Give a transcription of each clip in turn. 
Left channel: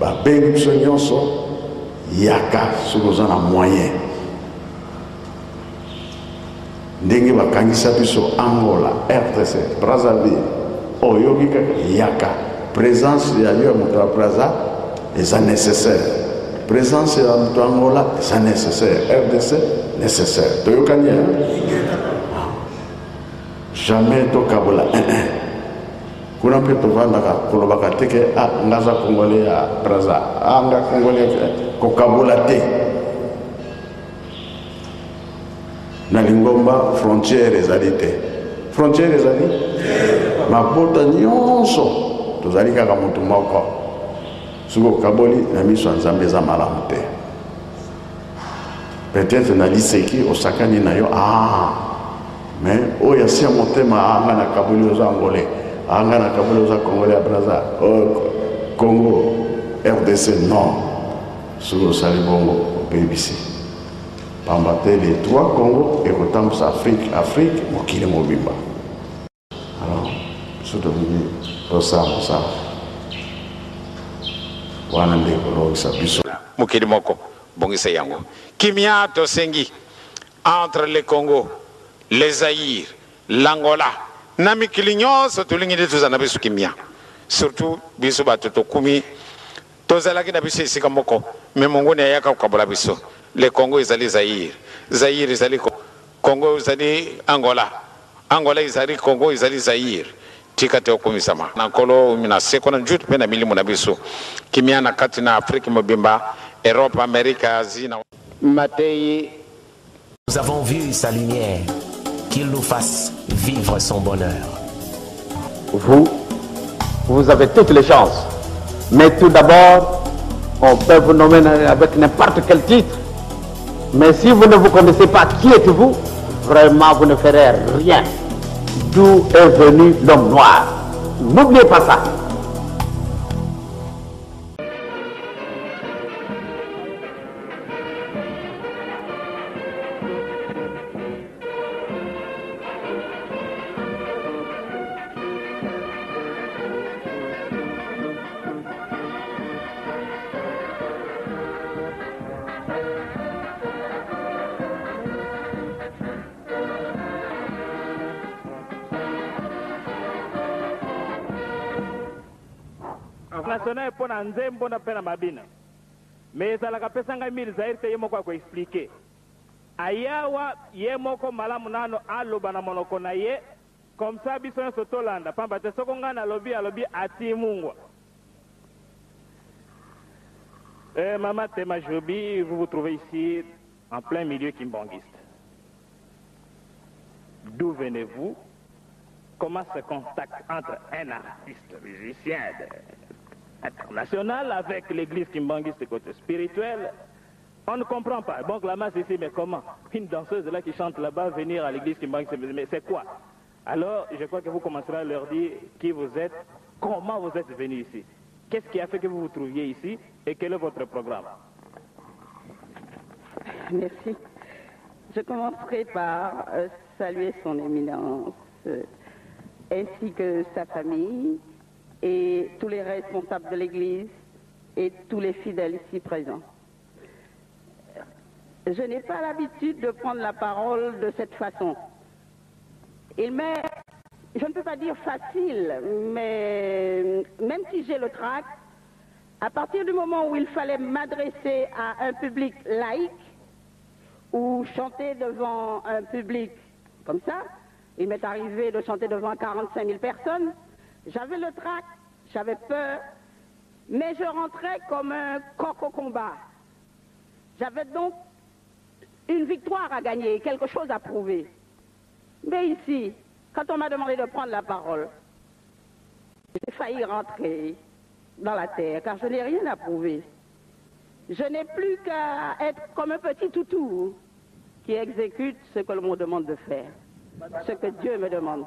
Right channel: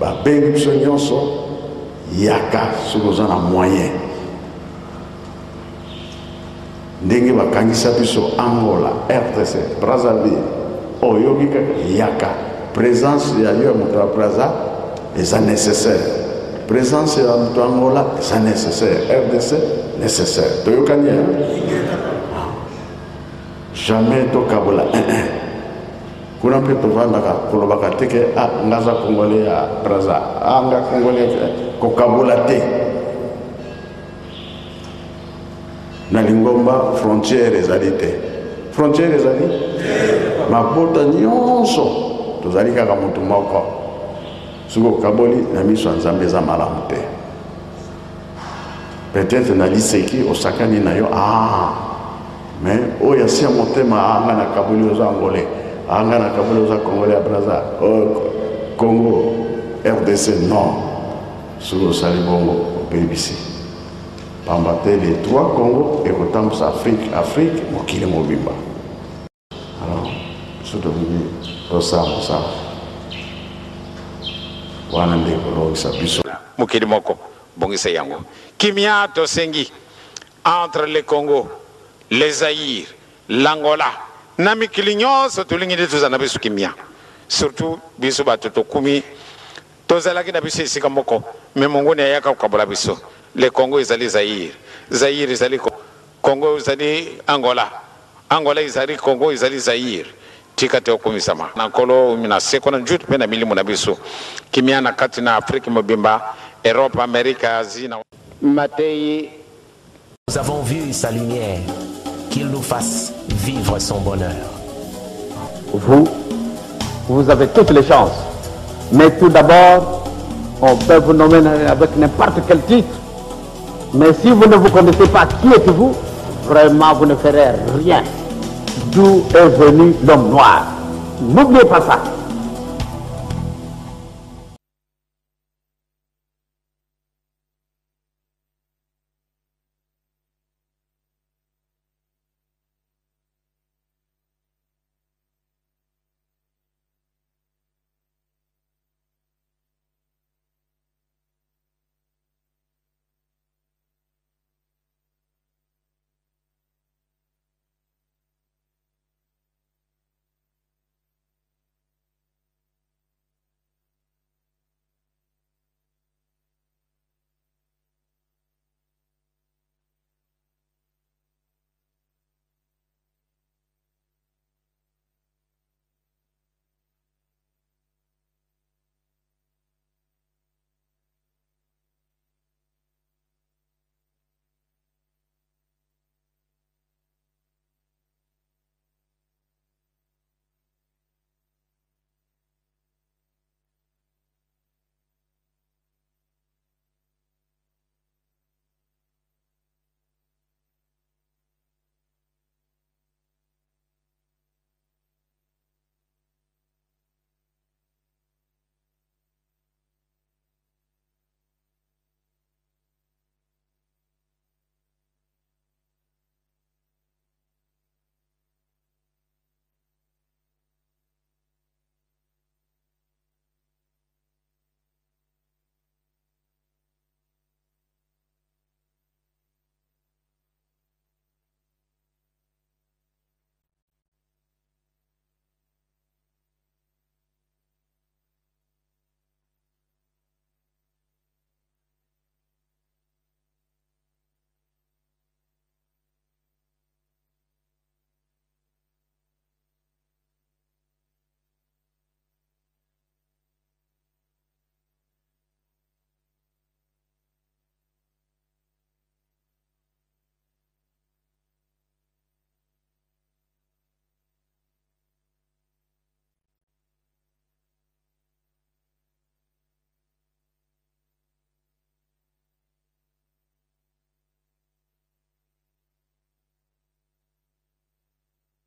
babengi biso nyonso yaka soki oza na moyen ndenge bakangisa biso Angola, RDC, Brazzaville oyoki kaka yaka présence ya yo ya moto ya Brazza eza nécessaire, présence ya moto ya Angola eza nécessaire, RDC nécessaire. Toyokani jamais tokabola kuna mpe tovandaka kolobaka teke ngaza congolais ya Brazza nga congolais kokabola te na lingomba frontière ezali te, frontière ezali mabota nyonso tozali kaka moto moko soki okaboli na miso ya Nzambe eza malamu te. Peut-être na liseki osakani na yo mais oyo asia motema anga na kaboli oza angolais anga na kaboli oza congolais ya Brazza Congo RDC non soki osali bongo opebisi pamba te les trois Congo ekotambusa Afrique mokili mobimba. Alors biso tolingi tosala mosala wana nde kolongisa biso mokili moko bongisa yango kimia tosengi entre le Congo, le Zaïre, l'Angola na mikili nyonso tolingi nde tozala na biso kimia, surtout biso bato tokumi tozalaki na biso esika moko me mongoni ayaka kokabola biso. Le Congo ezali Zaïre, Zaïre ezali Congo ezali Angola, Angola ezali Congo ezali Zaïre. Tika te okumisama na kolo mina seko na njutu pe na milimu na biso kimia na kati na Afrique mobimba, Europe, Amérique, Asie na Matei. Nous avons vu sa lumière, qu'il nous fasse vivre son bonheur. Vous avez toutes les chances. Mais tout d'abord, on peut vous nommer avec n'importe quel titre. Mais si vous ne vous connaissez pas qui êtes-vous, vraiment vous ne ferez rien. D'où est venu l'homme noir. N'oubliez pas ça. national pour na nzembo na pena mabina mais ça la kapesa ngai mili zaire te yemo kwa expliquer ayawa yemo ko malamu nano aloba na monoko na ye comme ça biso na sotolanda pamba te soko ngana alobi ati mungwa. Mama Tema Jobi, vous vous trouvez ici en plein milieu kimbangiste. D'où venez-vous? Comment se contact entre un artiste musicien international avec l'église kimbangiste côté spirituel? On ne comprend pas. Bon, la masse ici, mais comment? Une danseuse là qui chante là-bas venir à l'église kimbangiste, mais c'est quoi? Alors, je crois que vous commencerez à leur dire qui vous êtes, comment vous êtes venu ici. Qu'est-ce qui a fait que vous vous trouviez ici et quel est votre programme? Merci. Je commencerai par saluer son éminence ainsi que sa famille et tous les responsables de l'Église et tous les fidèles ici présents. Je n'ai pas l'habitude de prendre la parole de cette façon. Il m'est, je ne peux pas dire facile, mais même si j'ai le trac, à partir du moment où il fallait m'adresser à un public laïque ou chanter devant un public comme ça, il m'est arrivé de chanter devant 45 000 personnes, j'avais le trac, j'avais peur, mais je rentrais comme un coq au combat. J'avais donc une victoire à gagner, quelque chose à prouver. Mais ici, quand on m'a demandé de prendre la parole, j'ai failli rentrer dans la terre, car je n'ai rien à prouver. Je n'ai plus qu'à être comme un petit toutou qui exécute ce que l'on me demande de faire, ce que Dieu me demande.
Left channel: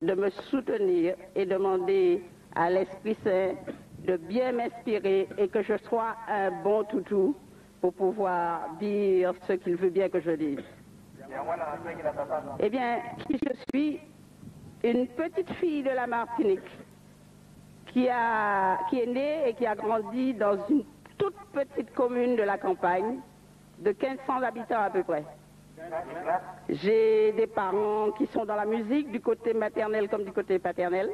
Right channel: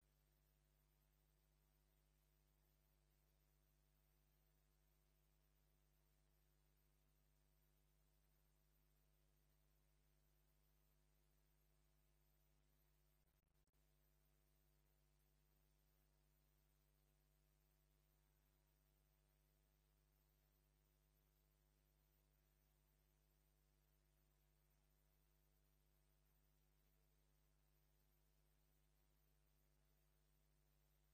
De me soutenir et demander à l'Esprit Saint de bien m'inspirer et que je sois un bon toutou pour pouvoir dire ce qu'il veut bien que je dise. Eh bien, qui je suis? Une petite fille de la Martinique qui est né et qui a grandi dans une toute petite commune de la campagne, de 1500 habitants à peu près. J'ai des parents qui sont dans la musique, du côté maternel comme du côté paternel.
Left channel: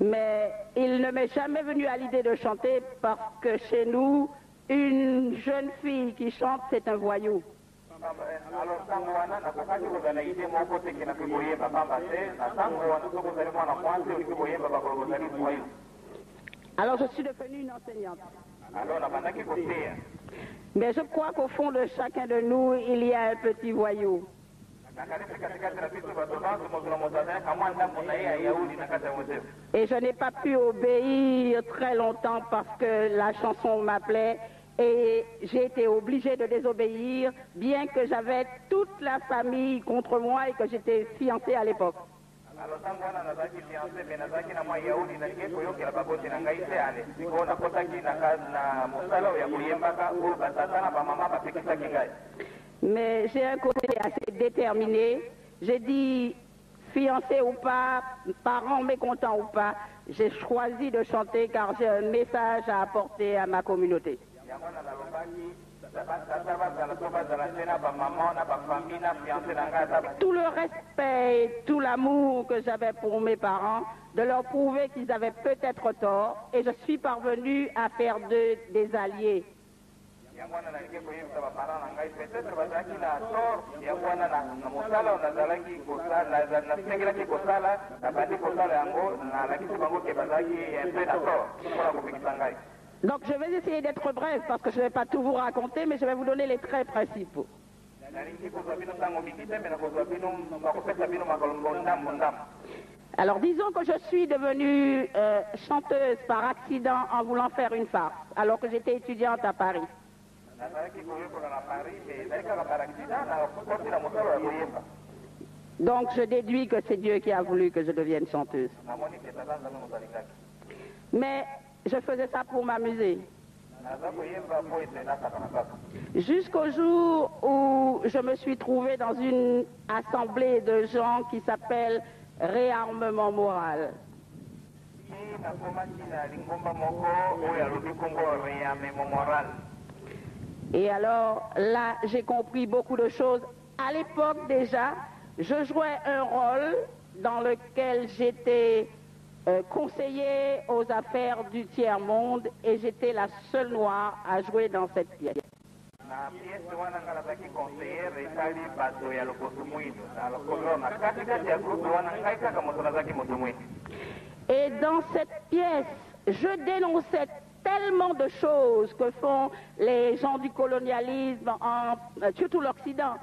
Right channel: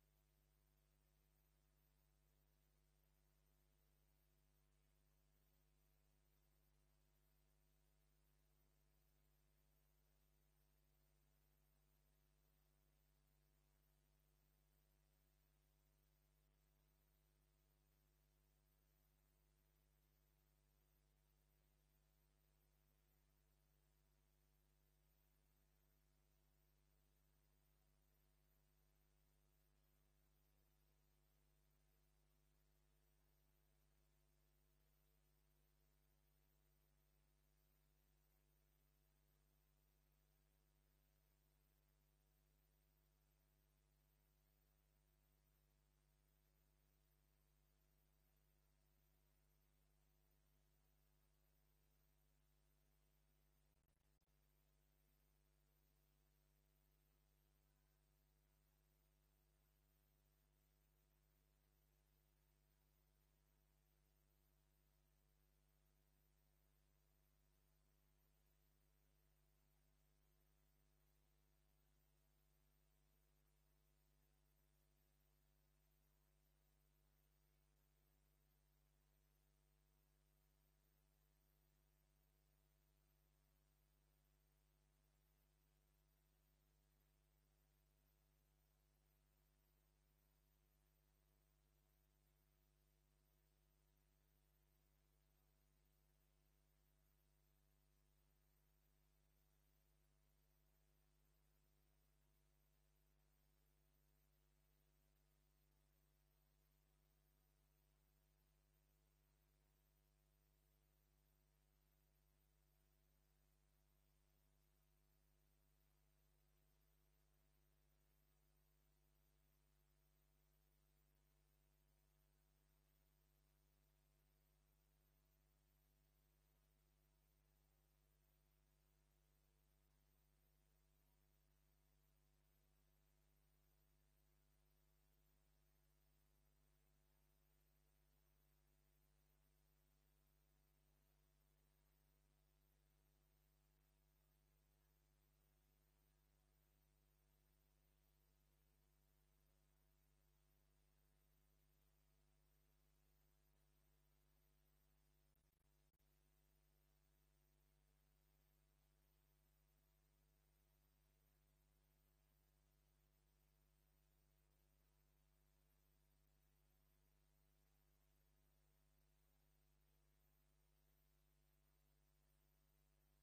Mais il ne m'est jamais venu à l'idée de chanter parce que chez nous, une jeune fille qui chante, c'est un voyou. Alors je suis devenue une enseignante. Mais je crois qu'au fond de chacun de nous, il y a un petit voyou. Et je n'ai pas pu obéir très longtemps parce que la chanson m'appelait et j'ai été obligée de désobéir, bien que j'avais toute la famille contre moi et que j'étais fiancée à l'époque. Mais j'ai un côté assez déterminé. J'ai dit, fiancé ou pas, parents mécontents ou pas, j'ai choisi de chanter car j'ai un message à apporter à ma communauté. Tout le respect et tout l'amour que j'avais pour mes parents, de leur prouver qu'ils avaient peut-être tort, et je suis parvenue à faire d'eux des alliés. Donc je vais essayer d'être bref parce que je ne vais pas tout vous raconter, mais je vais vous donner les traits principaux. Alors disons que je suis devenue chanteuse par accident en voulant faire une farce, alors que j'étais étudiante à Paris. Donc je déduis que c'est Dieu qui a voulu que je devienne chanteuse. Mais je faisais ça pour m'amuser. Jusqu'au jour où je me suis trouvée dans une assemblée de gens qui s'appelle Réarmement Moral. Et alors là, j'ai compris beaucoup de choses. À l'époque déjà, je jouais un rôle dans lequel j'étais conseiller aux affaires du tiers-monde et j'étais la seule noire à jouer dans cette pièce. Et dans cette pièce, je dénonçais tellement de choses que font les gens du colonialisme, surtout l'Occident,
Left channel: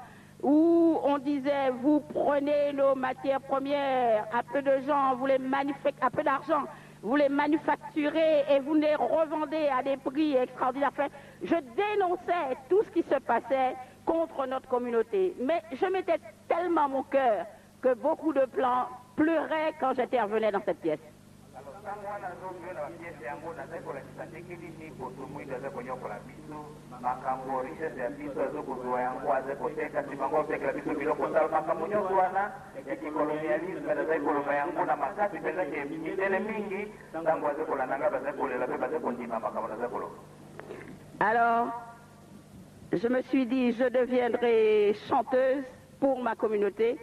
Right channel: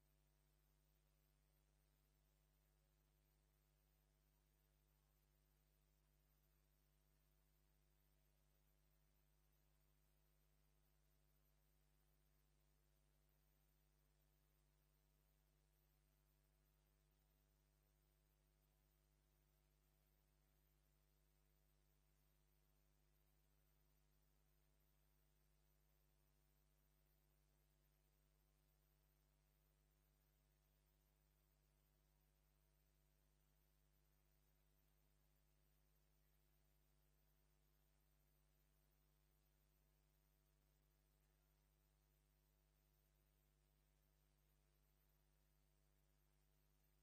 où on disait, vous prenez nos matières premières, à peu de gens, à peu d'argent, vous les manufacturez et vous les revendez à des prix extraordinaires. Enfin, je dénonçais tout ce qui se passait contre notre communauté. Mais je mettais tellement à mon cœur que beaucoup de plans pleuraient quand j'intervenais dans cette pièce. Alors, je me suis dit, je deviendrai chanteuse pour ma communauté,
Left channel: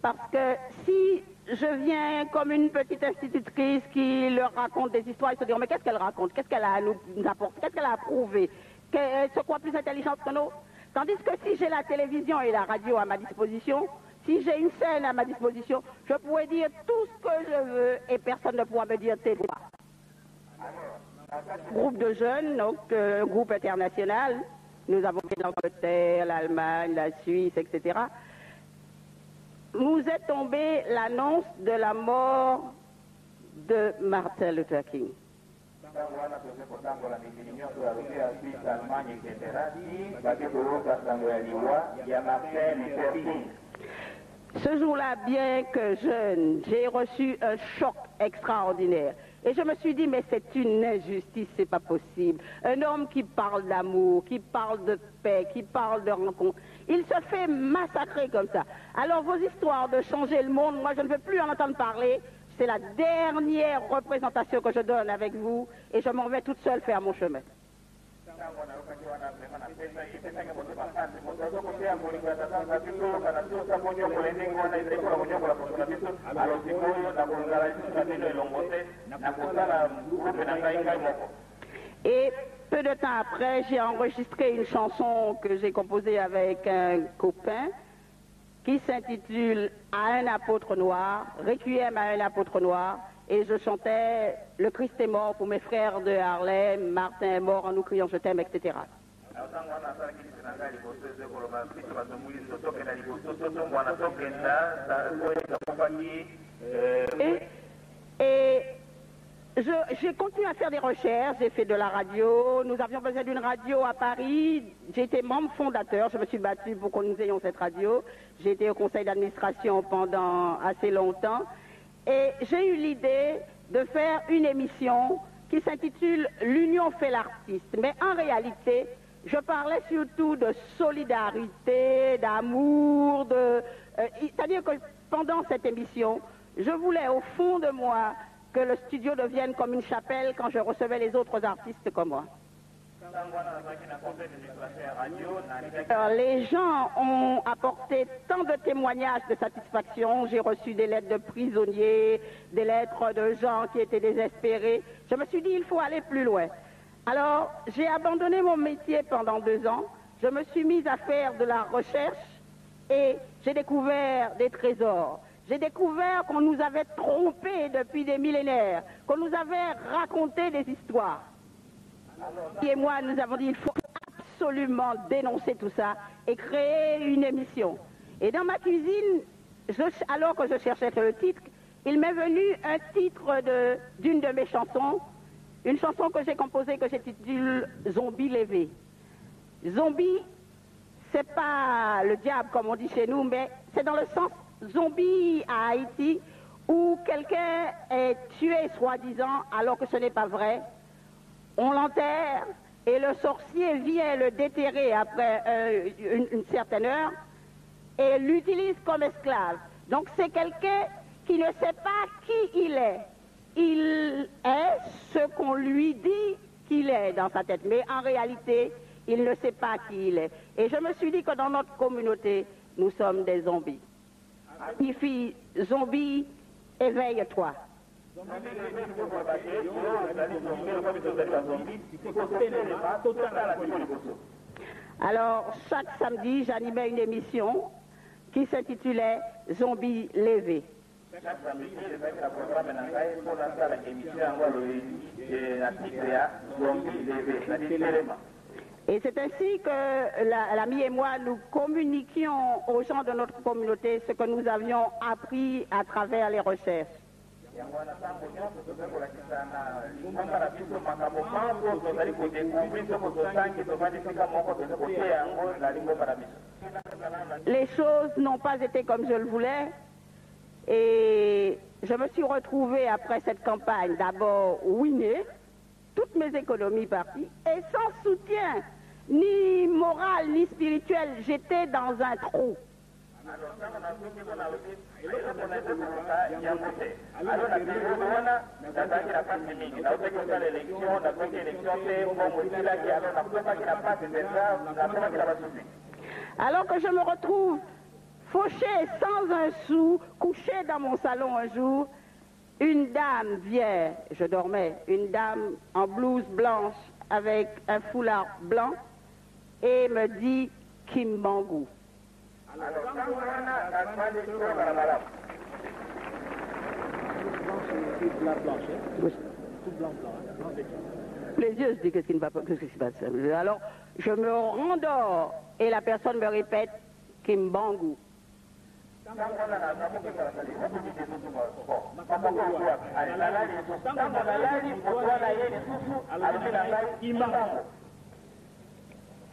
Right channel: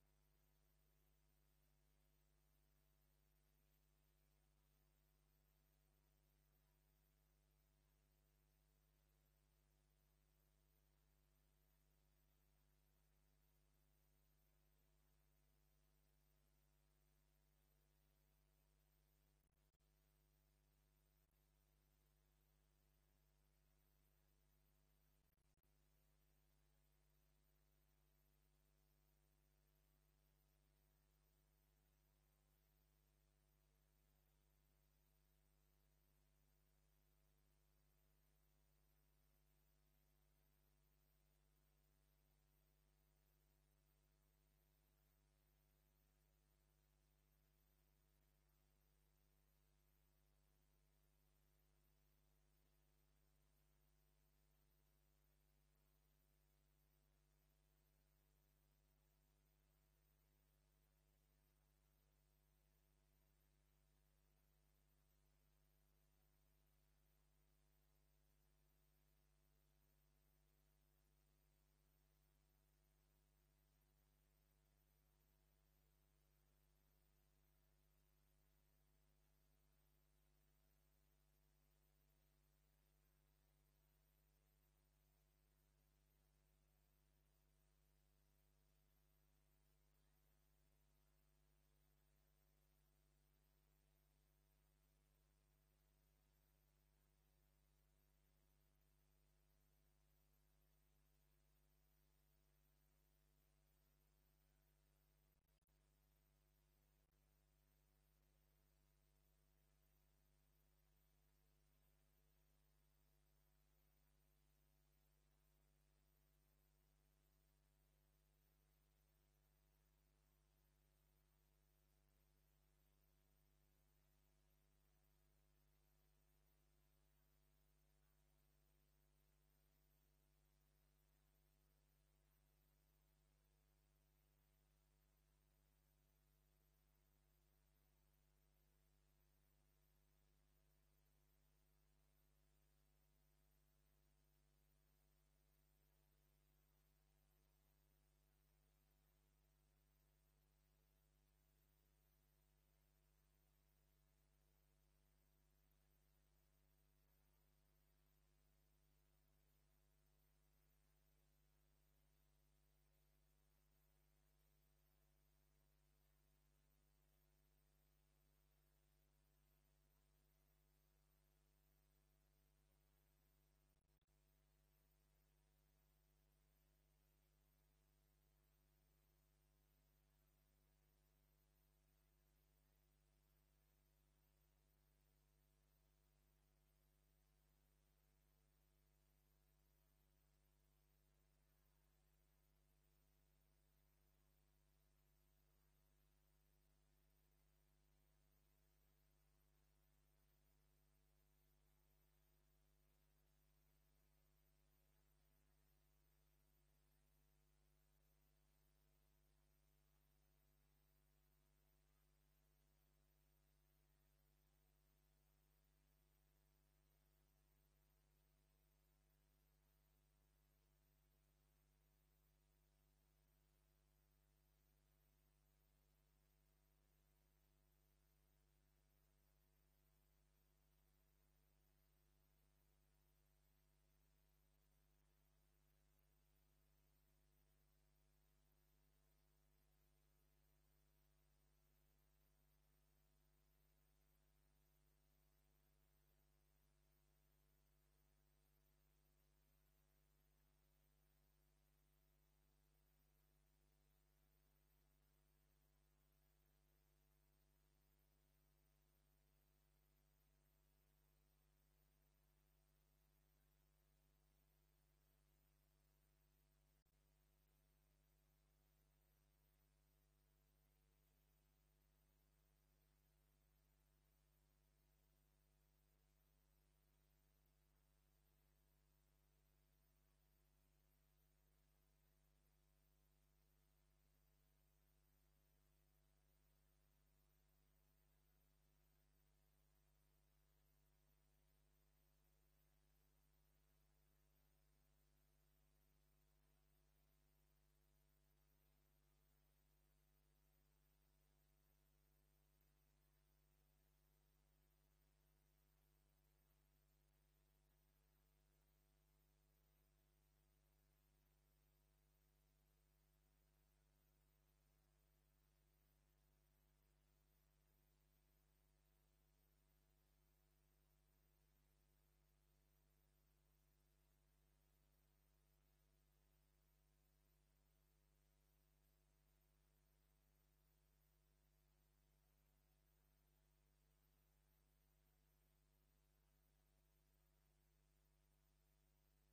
parce que si je viens comme une petite institutrice qui leur raconte des histoires, ils se diront, mais qu'est-ce qu'elle raconte? Qu'est-ce qu'elle a à nous apporter? Qu'est-ce qu'elle a à prouver? Qu'elle se croit plus intelligente que nous? Tandis que si j'ai la télévision et la radio à ma disposition, si j'ai une scène à ma disposition, je pourrais dire tout ce que je veux et personne ne pourra me dire tes droits. Groupe de jeunes, donc groupe international, nous avons fait l'Angleterre, l'Allemagne, la Suisse, etc. Nous est tombée l'annonce de la mort de Martin Luther King. Ce jour-là, bien que jeune, j'ai reçu un choc extraordinaire. Et je me suis dit, mais c'est une injustice, c'est pas possible. Un homme qui parle d'amour, qui parle de paix, qui parle de rencontre, il se fait massacrer comme ça. Alors vos histoires de changer le monde, moi je ne veux plus en entendre parler. C'est la dernière représentation que je donne avec vous et je m'en vais toute seule faire mon chemin. Et peu de temps après, j'ai enregistré une chanson que j'ai composée avec un copain qui s'intitule « À un apôtre noir », « Requiem à un apôtre noir », et je chantais « Le Christ est mort pour mes frères de Harlem, Martin est mort en nous criant je t'aime », etc. Et j'ai continué à faire des recherches, j'ai fait de la radio, nous avions besoin d'une radio à Paris, j'ai été membre fondateur, je me suis battue pour que nous ayons cette radio, j'ai été au conseil d'administration pendant assez longtemps, et j'ai eu l'idée de faire une émission qui s'intitule « L'union fait l'artiste ». Mais en réalité, je parlais surtout de solidarité, d'amour, c'est-à-dire que pendant cette émission, je voulais au fond de moi que le studio devienne comme une chapelle quand je recevais les autres artistes comme moi. Alors, les gens ont apporté tant de témoignages de satisfaction. J'ai reçu des lettres de prisonniers, des lettres de gens qui étaient désespérés. Je me suis dit, il faut aller plus loin. Alors, j'ai abandonné mon métier pendant 2 ans. Je me suis mise à faire de la recherche et j'ai découvert des trésors. J'ai découvert qu'on nous avait trompés depuis des millénaires, qu'on nous avait raconté des histoires. Et moi, nous avons dit, il faut absolument dénoncer tout ça et créer une émission. Et dans ma cuisine, alors que je cherchais le titre, il m'est venu un titre d'une de mes chansons, une chanson que j'ai composée que j'intitule Zombie levé. Zombie, c'est pas le diable comme on dit chez nous, mais c'est dans le sens zombie à Haïti où quelqu'un est tué soi-disant alors que ce n'est pas vrai. On l'enterre et le sorcier vient le déterrer après une certaine heure et l'utilise comme esclave. Donc c'est quelqu'un qui ne sait pas qui il est. Il est ce qu'on lui dit qu'il est dans sa tête, mais en réalité, il ne sait pas qui il est. Et je me suis dit que dans notre communauté, nous sommes des zombies. Une fille, zombie, éveille-toi. Alors, chaque samedi, j'animais une émission qui s'intitulait Zombie levé. Et c'est ainsi que l'ami et moi, nous communiquions aux gens de notre communauté ce que nous avions appris à travers les recherches. Les choses n'ont pas été comme je le voulais et je me suis retrouvée après cette campagne d'abord ruinée, toutes mes économies parties et sans soutien ni moral ni spirituel, j'étais dans un trou. Alors que je me retrouve fauché sans un sou, couché dans mon salon un jour, une dame vient, je dormais, une dame en blouse blanche avec un foulard blanc et me dit Kimbangu. Les yeux, je dis qu'est-ce qui ne va pas, qu'est-ce qui se passe. Alors, je me rendors et la personne me répète Kimbangu.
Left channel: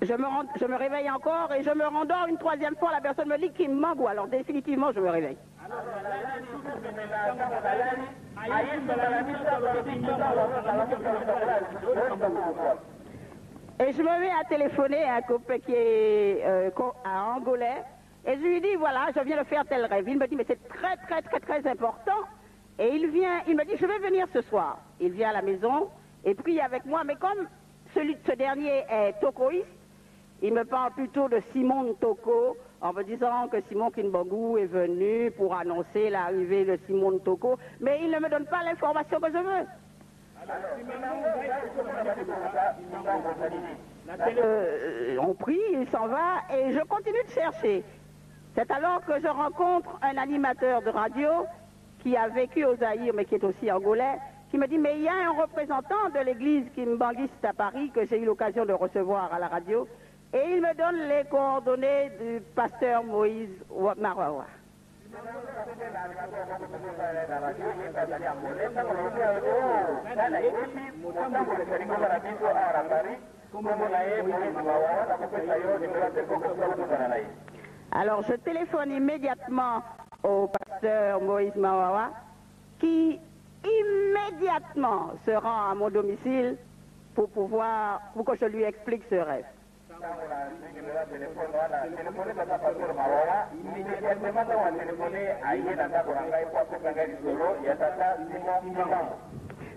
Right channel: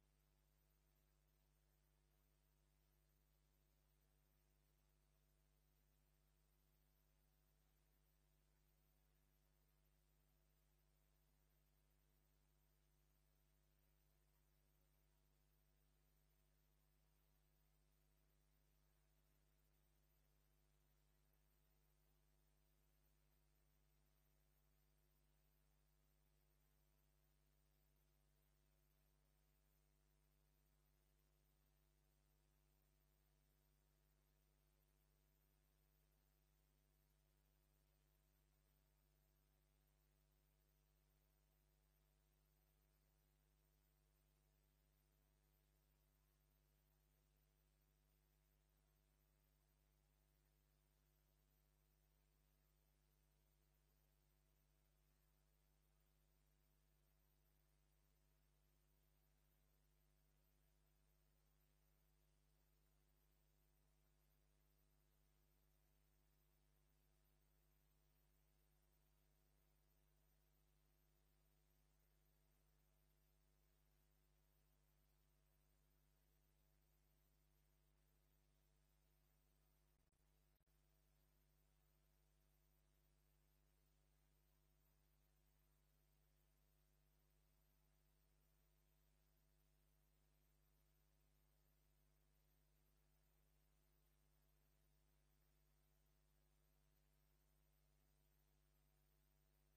Je me réveille encore et je me rendors une 3e fois. La personne me dit Kimbangu. Alors définitivement, je me réveille. Et je me mets à téléphoner à un copain qui est à Angolais. Et je lui dis, voilà, je viens de faire tel rêve. Il me dit, mais c'est très, très, très, très important. Et il me dit, je vais venir ce soir. Il vient à la maison et prie avec moi. Mais comme ce dernier est tokoïste, il me parle plutôt de Simon Toko, en me disant que Simon Kinbangou est venu pour annoncer l'arrivée de Simon Toko. Mais il ne me donne pas l'information que je veux. On prie, il s'en va et je continue de chercher. C'est alors que je rencontre un animateur de radio qui a vécu au Zaïre mais qui est aussi angolais, qui me dit mais il y a un représentant de l'église kimbanguiste à Paris que j'ai eu l'occasion de recevoir à la radio et il me donne les coordonnées du pasteur Moïse Mawawa. Alors je téléphone immédiatement au pasteur Moïse Mawawa qui immédiatement se rend à mon domicile pour que je lui explique ce rêve.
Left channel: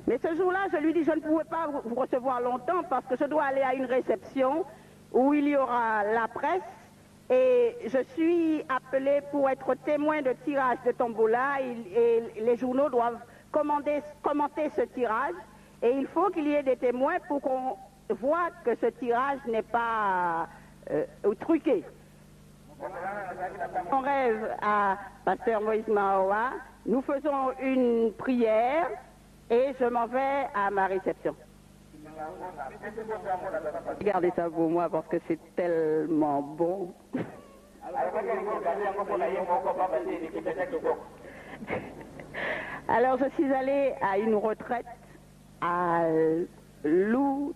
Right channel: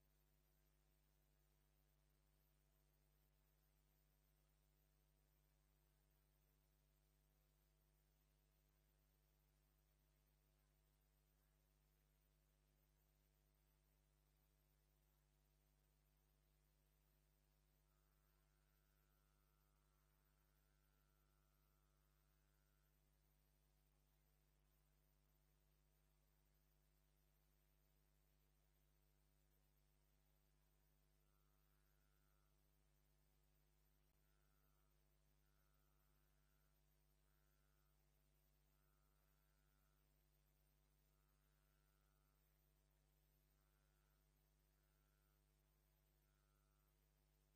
Mais ce jour-là, je lui dis, je ne pouvais pas vous recevoir longtemps parce que je dois aller à une réception où il y aura la presse et je suis appelé pour être témoin de tirage de tombola et les journaux doivent commenter ce tirage et il faut qu'il y ait des témoins pour qu'on voit que ce tirage n'est pas truqué. On rêve à pasteur Moïse Mawawa, nous faisons une prière et je m'en vais à ma réception. Regardez ça pour moi parce que c'est tellement bon. Alors je suis allée à une retraite à Loutendele.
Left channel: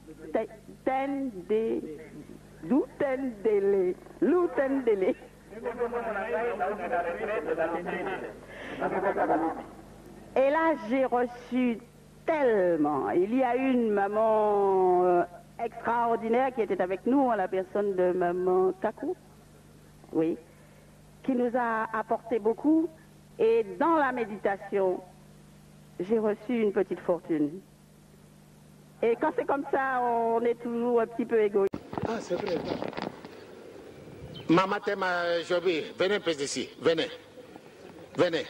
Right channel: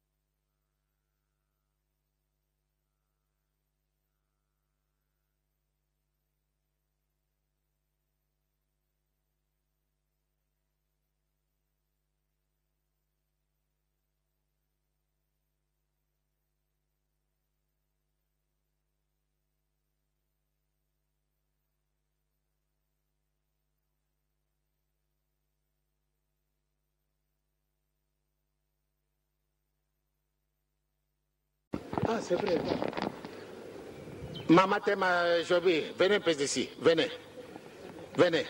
Et là, j'ai reçu tellement. Il y a une maman extraordinaire qui était avec nous, la personne de maman Kakou, oui, qui nous a apporté beaucoup. Et dans la méditation, j'ai reçu une petite fortune. Et quand c'est comme ça, on est toujours un petit peu égoïste. Ah, c'est vrai. Maman Tema Jobi, venez un peu d'ici, venez. Venez.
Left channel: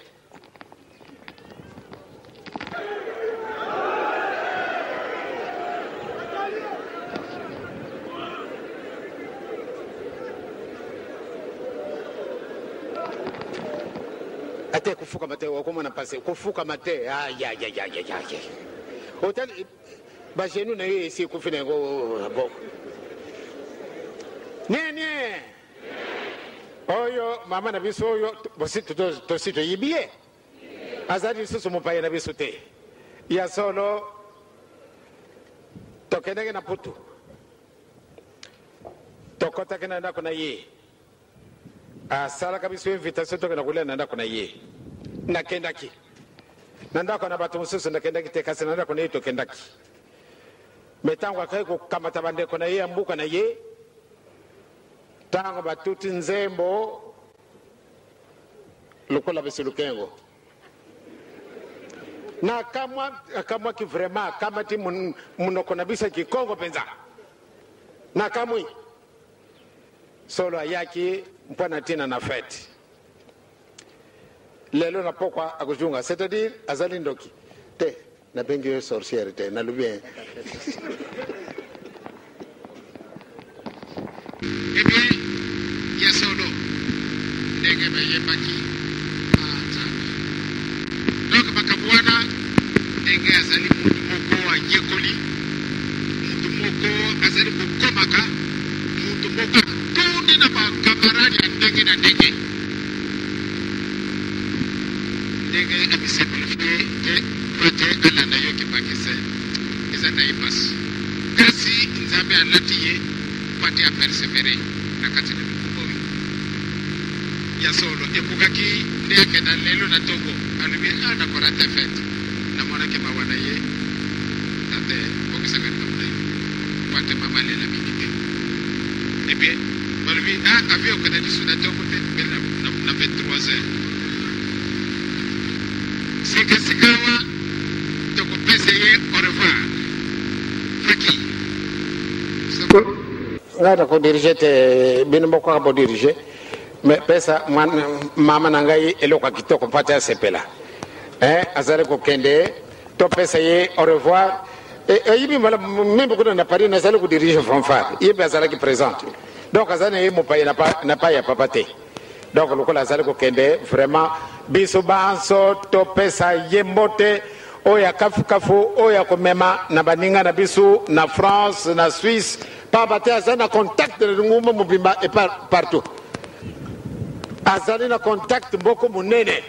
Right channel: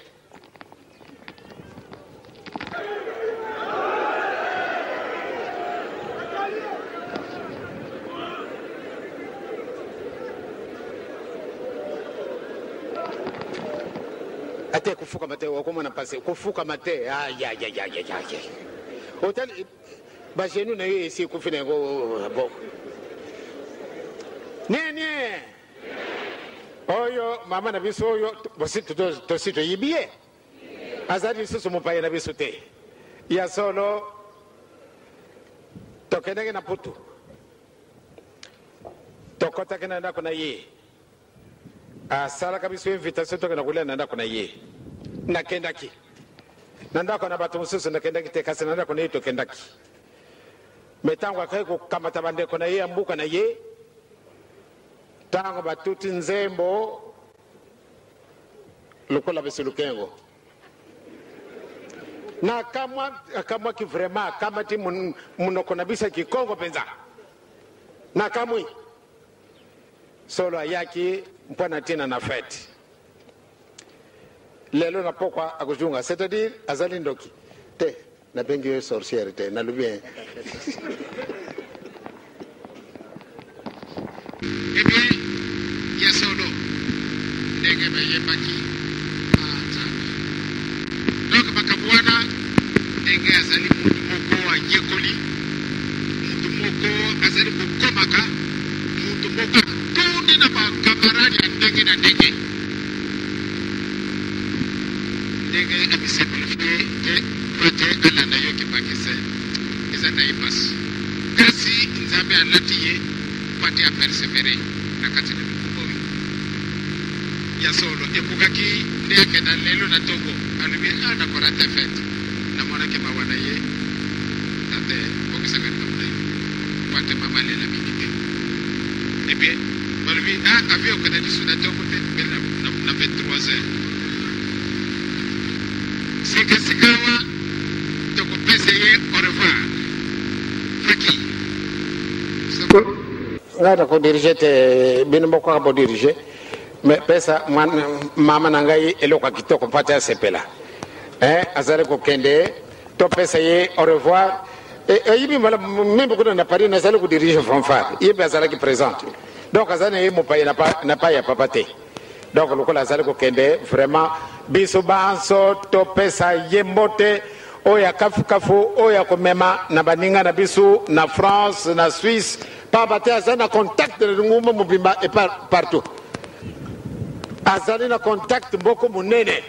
Ate kufuka mate comment on a passé kufuka mate aïe aïe aïe aïe aïe hôtel ba chez nous na ici ku fine go bon nie oyo mama na biso oyo bosito to sito yibie azali susu mopaye na biso te ya solo tokendeke na putu tokota kena ndako na ye asala kabiso invitation tokena kulela na ndako na ye nakendaki na ndako na bato mosusu nakendaki te kasi na ndako na ye tokendaki metango akayi kokamata bandeko na ye ya mbuka na ye tango batuti nzembo lokola besilukengo na kamwa ki vraiment kamati munoko na bisa kikongo penza na kamwi solo ayaki mpona tina na fete lelo na pokwa akujunga c'est-à-dire azali ndoki te na bengi yo sorcière te na lubien eh bien ya solo ndenge bayebaki donc bakabwana ndenge azali mutu moko ayekoli mutu moko azali kokomaka mutu moko tundi na bakamarani ya ndenge na ndenge ndenge abisimplifié te peut alanda yo kipakise eza na ipasi kasi nzambe alati ye pati apersévéré na kati na mikumba oyo ya solo ekukaki ndeke na lelo na Togo alubi ana korata fete na mwana ke mawana ye ate bokisa ka tabule kwate mama le la minite et puis alubi avion que na suna Togo na 23h sikawa Togo pese au revoir Faki ngata ko diriger te bin mo ko diriger mais pesa mama nangai eloko kitoko pata sepela azare ko kende to pesa ye au revoir et yibi mala même ko na Paris na sala ko diriger fanfare yibi azala ki présente donc azane ye mo pa na pa ya papate donc loko la sala ko kende vraiment biso banso to pesa ye mbote oya kafu oya ko mema na baninga na biso na France na Suisse pa bate azana contact de nguma mobimba et partout azali na contact mboko munene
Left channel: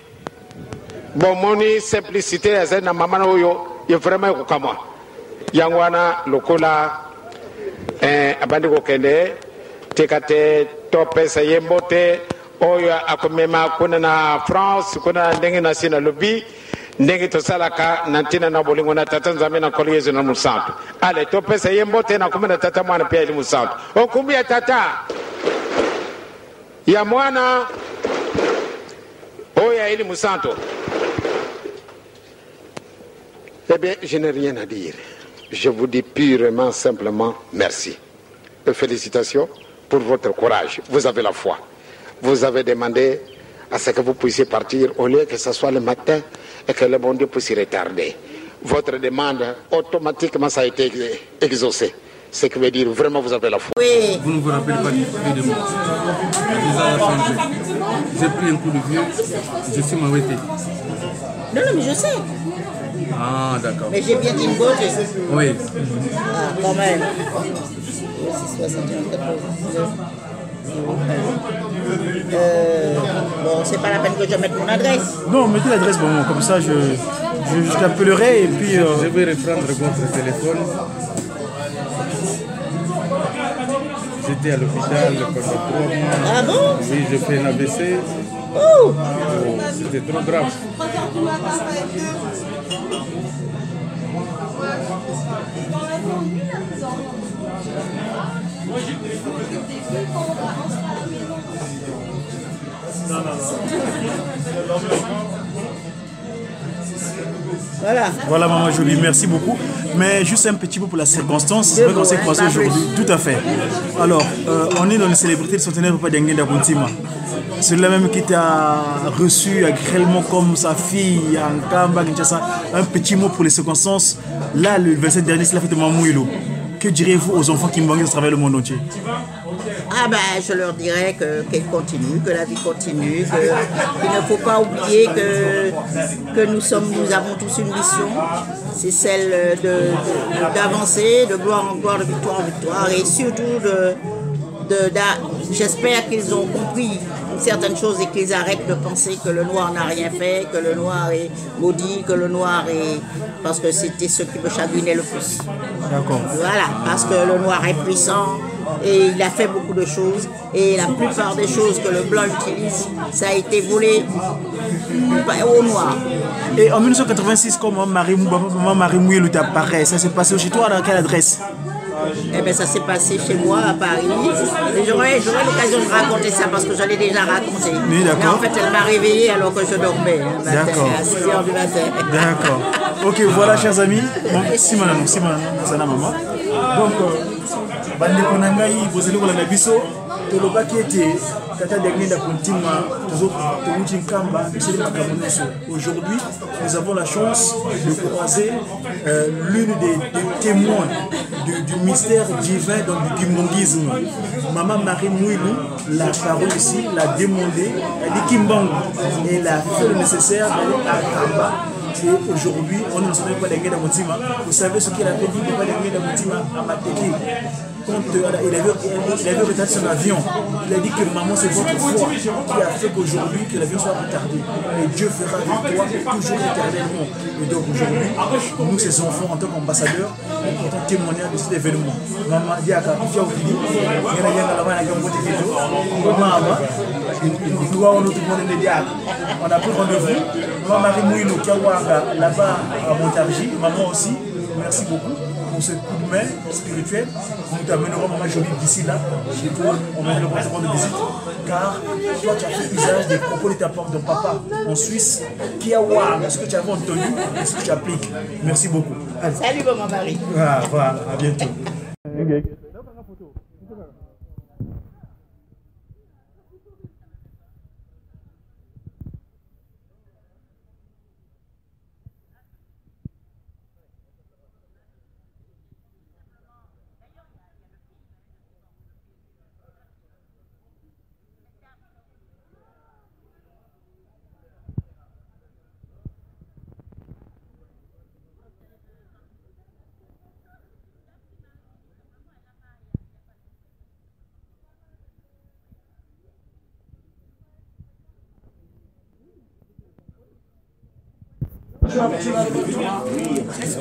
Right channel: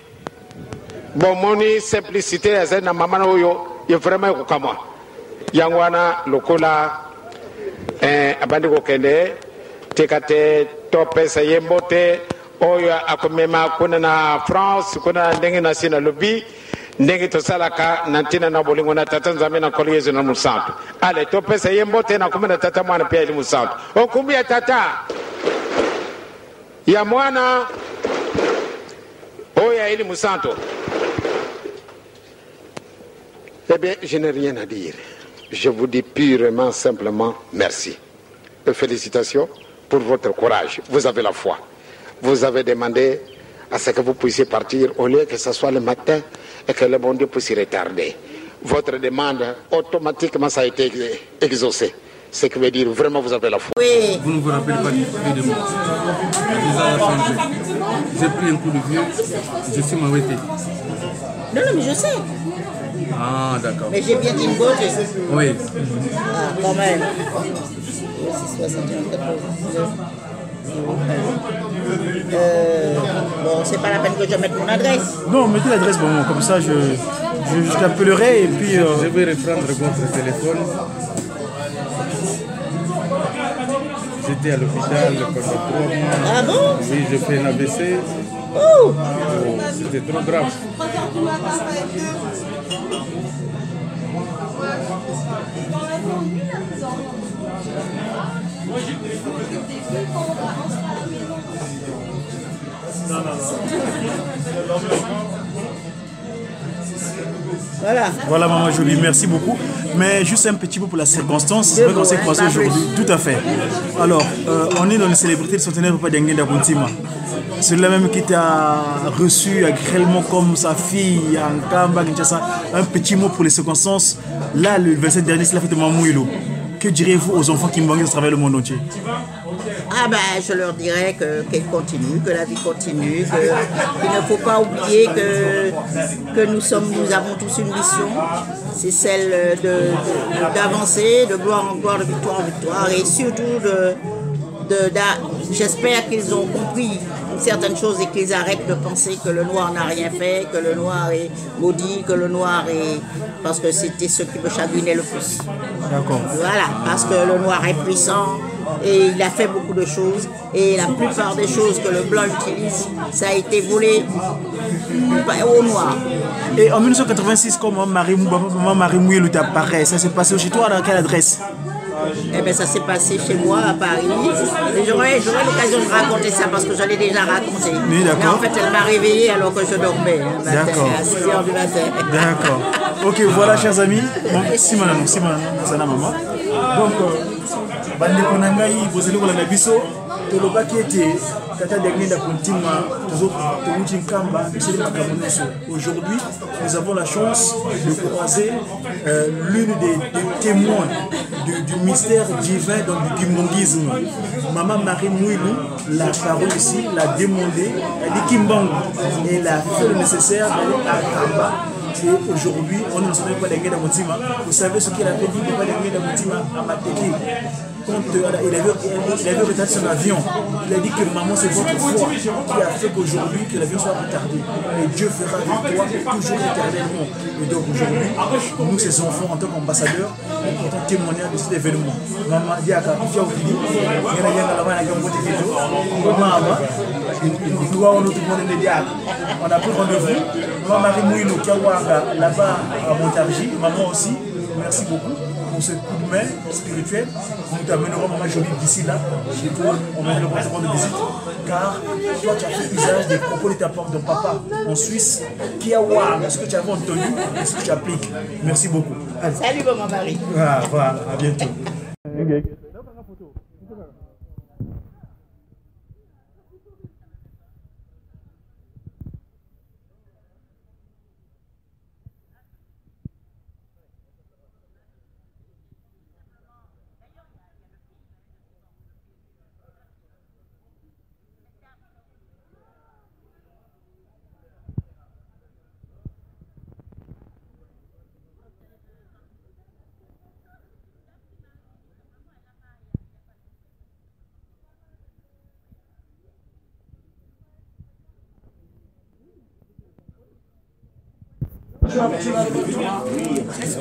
bon moni simplicité azali na mama oyo ye vraiment ko kamwa yangwana lokola abandi ko kende tekate to pesa yembote oyo akomema kuna na France kuna ndenge na sina lobi ndenge to salaka nantina na bolingo na tata nzambe na koliezo na musantu ale to pesa yembote na kumena tata mwana pia ili musantu okumbia tata ya mwana oya ili musanto. Eh bien, je n'ai rien à dire. Je vous dis purement, simplement merci. Et félicitations pour votre courage. Vous avez la foi. Vous avez demandé à ce que vous puissiez partir au lieu que ce soit le matin et que le bon Dieu puisse retarder. Votre demande, automatiquement, ça a été exaucé. Ce qui veut dire vraiment vous avez la foi. Oui. Vous ne vous rappelez pas du de moi. Le visage a changé. J'ai pris un coup de vieux, je suis m'arrêté. Non, mais je sais. Ah, d'accord. Mais j'ai bien dit une beauté. Oui. Ah, quand même. 61, 14. Bon, c'est pas la peine que je mette mon adresse. Non, mettez l'adresse, bon, comme ça je t'appellerai et puis... Je vais reprendre votre téléphone. J'étais à l'hôpital pendant 3 mois. Ah bon? Oui, je fais un AVC. Oh. C'était trop grave. Voilà, maman Jolie, merci beaucoup. Mais juste un petit peu pour la circonstance, c'est vrai qu'on s'est croisés aujourd'hui. Tout à fait. Alors, on est dans les célébrités du centenaire Papa Dengue d'Abuntima. Celui-là même qui t'a reçu agréablement comme sa fille en Kamba, Kinshasa. Un petit mot pour les circonstances. Là, le 27 dernier, c'est la fête de Mamouilo. Que direz-vous aux enfants qui m'ont travaillé le monde entier? Ah ben, je leur dirais qu'elle continue, que la vie continue, qu'il ne faut pas oublier que nous avons tous une mission, c'est celle d'avancer, de gloire en gloire, de victoire en victoire, et surtout j'espère qu'ils ont compris certaines choses et qu'ils arrêtent de penser que le noir n'a rien fait, que le noir est maudit, que le noir est... Parce que c'était ce qui me chagrinait le plus. D'accord. Voilà, parce que le noir est puissant et il a fait beaucoup de choses. Et la plupart des choses que le blanc utilise, ça a été volé au noir. Et en 1986, quand maman Marie Mouilou t'apparaît, ça s'est passé chez toi, dans quelle adresse? Eh bien, ça s'est passé chez moi à Paris. Et j'aurais l'occasion de raconter ça parce que je l'ai déjà raconté. Oui, d'accord. Mais en fait, elle m'a réveillé alors que je dormais. D'accord. À 6h du matin. D'accord. Ok, voilà, chers amis. Bon, si maman, maman. Donc, bande konangai, vous allez voir la biso. Toloba qui était Tata Dengue d'Abuntima, aujourd'hui, nous avons la chance de croiser l'une des témoins du mystère divin du kimbongisme. Maman Marie Mouilou, la parole ici, l'a demandé, elle dit Kimbangu, et elle a fait le nécessaire d'aller à Kamba. Et aujourd'hui, on ne sait pas Dengue d'Abuntima. Vous savez ce qu'il a fait dit Papa Dengue d'Abuntima à Mateki. Quand il avait retardé son avion, il a dit que maman, c'est votre foi qui a fait qu'aujourd'hui que l'avion soit retardé. Et Dieu fera de toi toujours éternellement. Et donc aujourd'hui, nous, ces enfants, en tant qu'ambassadeurs, nous comptons témoigner de cet événement. Maman dit à Kafia Oukili, il y a un il doit on tout le monde médias. On a pris rendez-vous. Maman Marie Mouilou Kiawanga là-bas à Montargis, maman aussi, merci beaucoup pour ce coup de main spirituel. Nous t'amènerons Maman Jolie d'ici là, chez toi, on va le recevoir de visite, car toi tu as fait usage des propos de ta part de papa en Suisse. Kiawanga, ce que tu avais entendu, et ce que tu appliques. Merci beaucoup. Allez. Salut Maman Marie. Ah, voilà, à bientôt. Okay.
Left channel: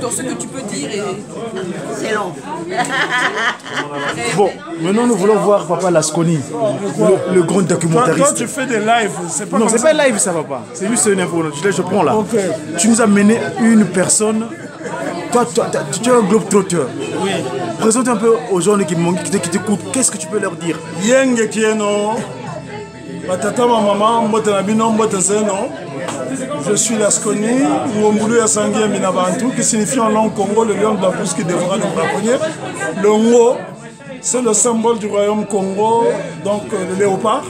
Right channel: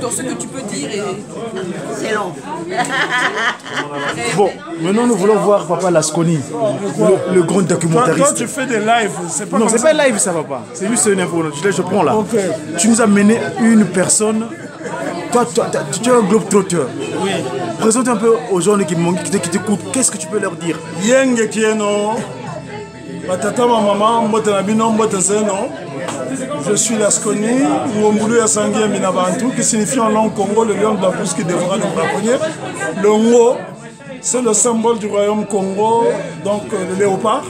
Dans ce que tu peux dire, c'est long. Bon, maintenant nous voulons voir Papa Lasconi, le grand documentariste. Toi, tu fais des lives, c'est pas. Non, c'est pas live, ça va pas. C'est juste une info. Je prends là. Okay. Tu nous as mené une personne. Toi, tu es un globe-trotter. Oui. Présente un peu aux gens qui t'écoutent. Qu'est-ce que tu peux leur dire? Yenge Kieno, Batata maman, Mbotanabino, Mbotazeno. Je suis Lasconi, Ngombulu Yasangi Minabantu, qui signifie en langue Congo le lion de la brousse qui dévora le braconnier. Le Ngo, c'est le symbole du royaume Congo, donc le léopard.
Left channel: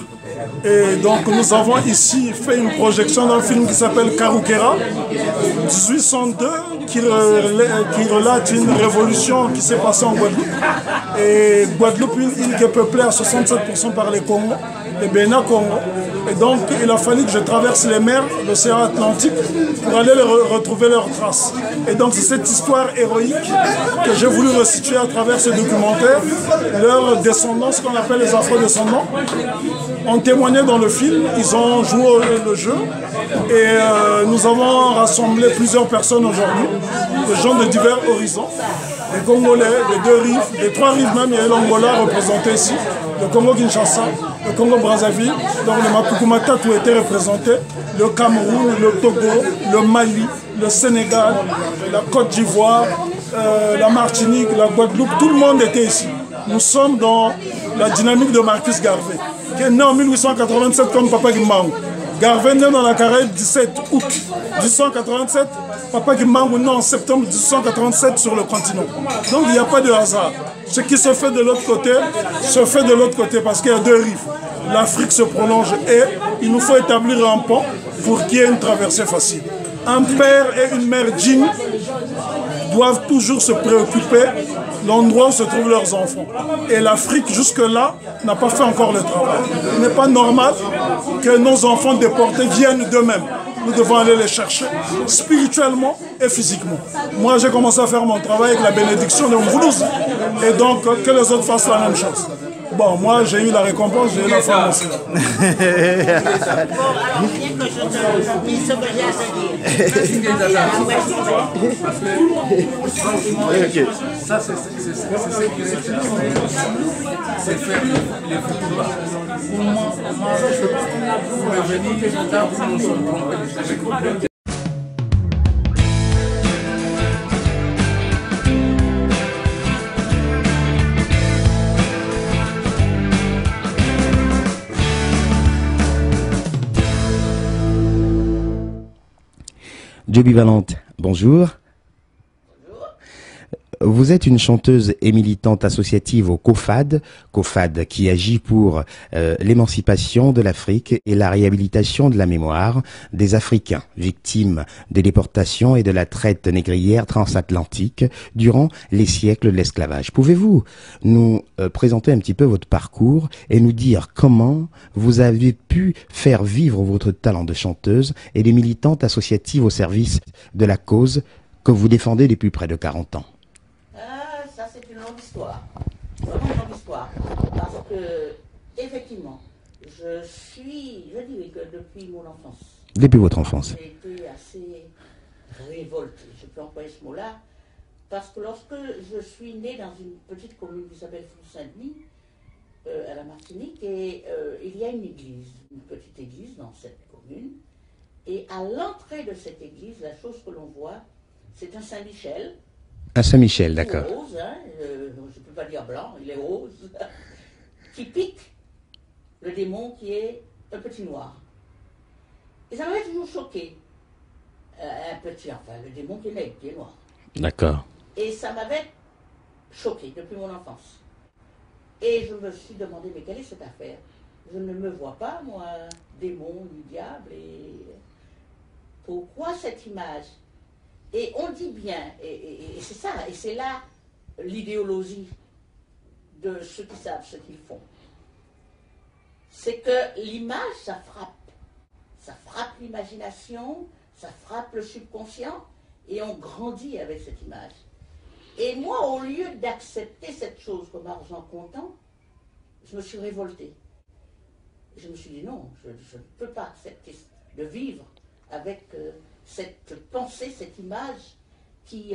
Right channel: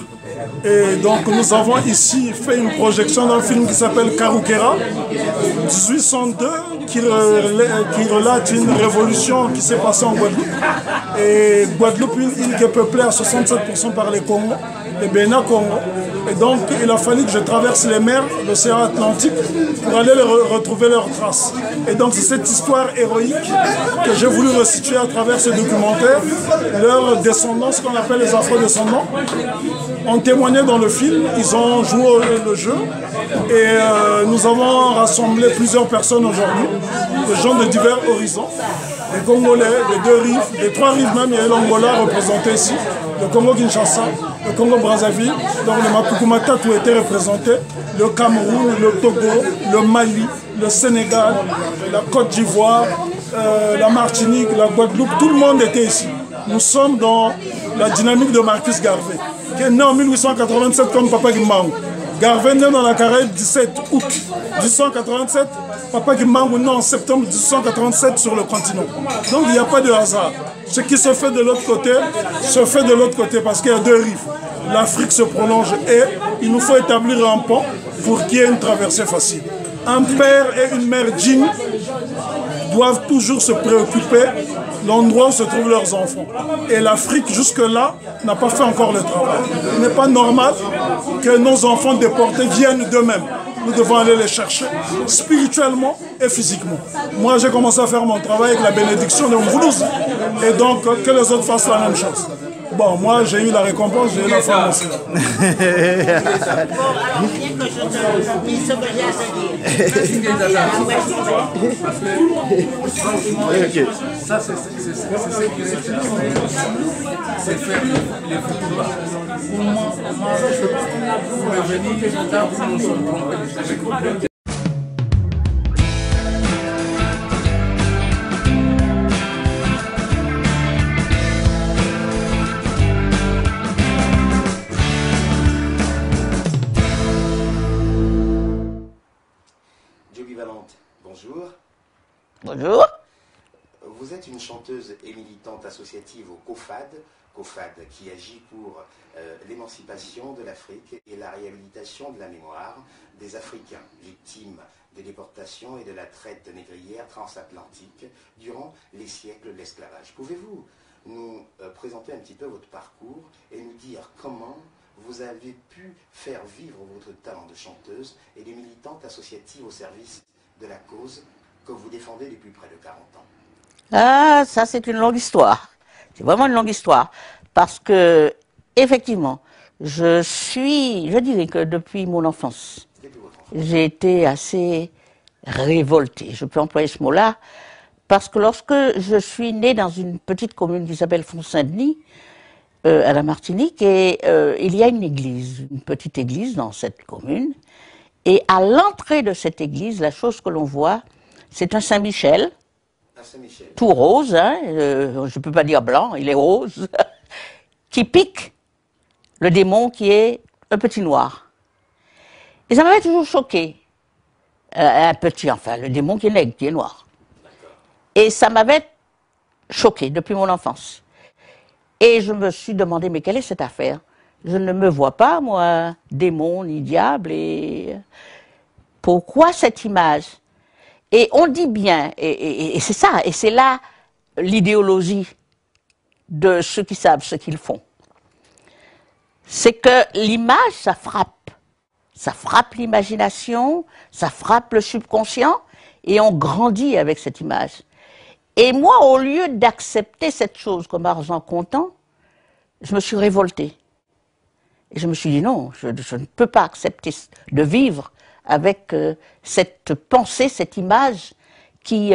Et donc nous avons ici fait une projection d'un film qui s'appelle Karukera, 1802, qui relate une révolution qui s'est passée en Guadeloupe. Et Guadeloupe, une île qui est peuplée à 67% par les Congos, les Bénin Congo. Et donc il a fallu que je traverse les mers, l'océan Atlantique, pour aller retrouver leurs traces. Et donc c'est cette histoire héroïque que j'ai voulu restituer à travers ce documentaire. Leurs descendants, ce qu'on appelle les afro-descendants, ont témoigné dans le film, ils ont joué le jeu. Et nous avons rassemblé plusieurs personnes aujourd'hui, des gens de divers horizons. Les Congolais, les deux rives, les trois rives même, il y a l'Angola représenté ici, le Congo-Kinshasa, le Congo-Brazzaville, donc le Mapukumata tout était représenté, le Cameroun, le Togo, le Mali, le Sénégal, la Côte d'Ivoire, la Martinique, la Guadeloupe, tout le monde était ici. Nous sommes dans la dynamique de Marcus Garvey, qui est né en 1887 comme Papa Kimbangu. Garvey né dans la Caraïbe 17 août 1887, Papa Kimbangu né en septembre 1887 sur le continent. Donc il n'y a pas de hasard. Ce qui se fait de l'autre côté, se fait de l'autre côté parce qu'il y a deux rives. L'Afrique se prolonge et il nous faut établir un pont pour qu'il y ait une traversée facile. Un père et une mère dignes doivent toujours se préoccuper de l'endroit où se trouvent leurs enfants. Et l'Afrique, jusque-là, n'a pas fait encore le travail. Il n'est pas normal que nos enfants déportés viennent d'eux-mêmes. Nous devons aller les chercher spirituellement et physiquement. Moi, j'ai commencé à faire mon travail avec la bénédiction de Mvoulouz. Et donc, que les autres fassent la même chose. Bon, moi, j'ai eu la récompense, j'ai eu la formation. Bon, alors, viens que je te dise ce que j'ai à te dire. Okay. Ça, c'est ce qui c'est faire les futurs. Pour moi, je peux revenir que j'entends pour nous sommes trompés. Joby Valente, bonjour. Bonjour. Vous êtes une chanteuse et militante associative au COFAD, COFAD qui agit pour l'émancipation de l'Afrique et la réhabilitation de la mémoire des Africains victimes des déportations et de la traite négrière transatlantique durant les siècles de l'esclavage. Pouvez-vous nous présenter un petit peu votre parcours et nous dire comment vous avez pu faire vivre votre talent de chanteuse et de militante associative au service de la cause que vous défendez depuis près de 40 ans? Ah, ça c'est une longue histoire. C'est vraiment une longue histoire. Parce que, effectivement, je dirais que depuis mon enfance. Depuis votre enfance. J'ai été assez révoltée, je peux employer ce mot-là, parce que lorsque je suis née dans une petite commune qui s'appelle Font-Saint-Denis, à la Martinique, et il y a une église, une petite église dans cette commune. Et à l'entrée de cette église, la chose que l'on voit, c'est un Saint-Michel. Un Saint-Michel, tout d'accord. rose, hein, je ne peux pas dire blanc, il est rose, qui pique le démon qui est un petit noir. Et ça m'avait toujours choqué. Un petit, enfin, le démon qui est nègre, qui est noir. D'accord. Et ça m'avait choqué depuis mon enfance. Et je me suis demandé, mais quelle est cette affaire? Je ne me vois pas, moi, démon ni diable, et pourquoi cette image? Et on dit bien, et c'est ça, et c'est là l'idéologie de ceux qui savent ce qu'ils font. C'est que l'image, ça frappe l'imagination, ça frappe le subconscient, et on grandit avec cette image. Et moi, au lieu d'accepter cette chose comme argent comptant, je me suis révoltée. Et je me suis dit non, je ne peux pas accepter de vivre avec cette pensée, cette image qui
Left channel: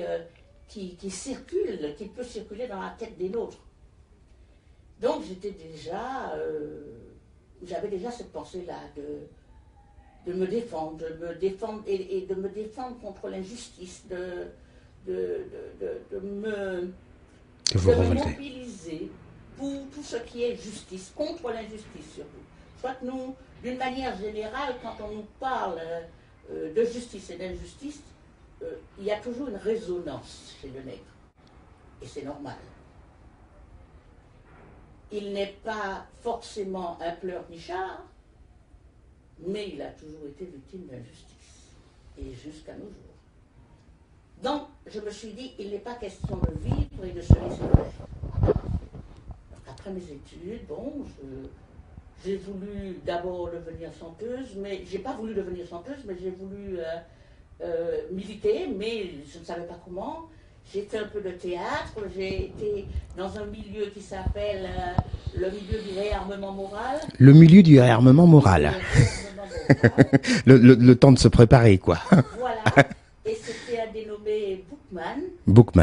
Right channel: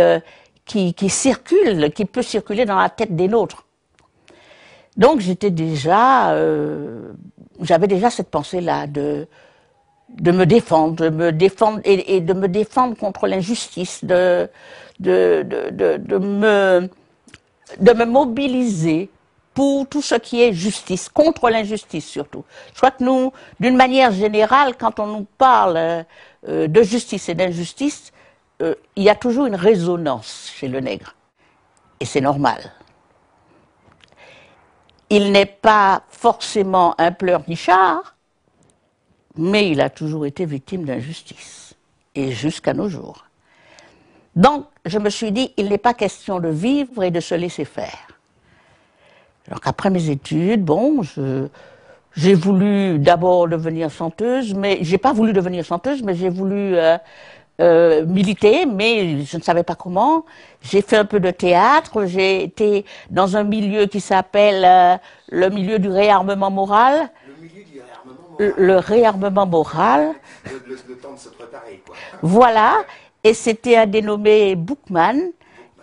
circule, qui peut circuler dans la tête des nôtres. Donc j'avais déjà cette pensée-là de me défendre, et de me défendre contre l'injustice, de me mobiliser pour tout ce qui est justice, contre l'injustice surtout. Je crois que nous, d'une manière générale, quand on nous parle de justice et d'injustice, il y a toujours une résonance chez le nègre. Et c'est normal. Il n'est pas forcément un pleurnichard, mais il a toujours été victime d'injustice. Et jusqu'à nos jours. Donc, je me suis dit, il n'est pas question de vivre et de se laisser faire. Donc, après mes études, bon, j'ai voulu d'abord devenir chanteuse, mais j'ai pas voulu devenir chanteuse, mais j'ai voulu militer, mais je ne savais pas comment. J'ai fait un peu de théâtre, j'ai été dans un milieu qui s'appelle le milieu du réarmement moral. Le milieu du réarmement moral. Le réarmement moral. le temps de se préparer, quoi. Voilà. Et c'était un dénommé Boukman,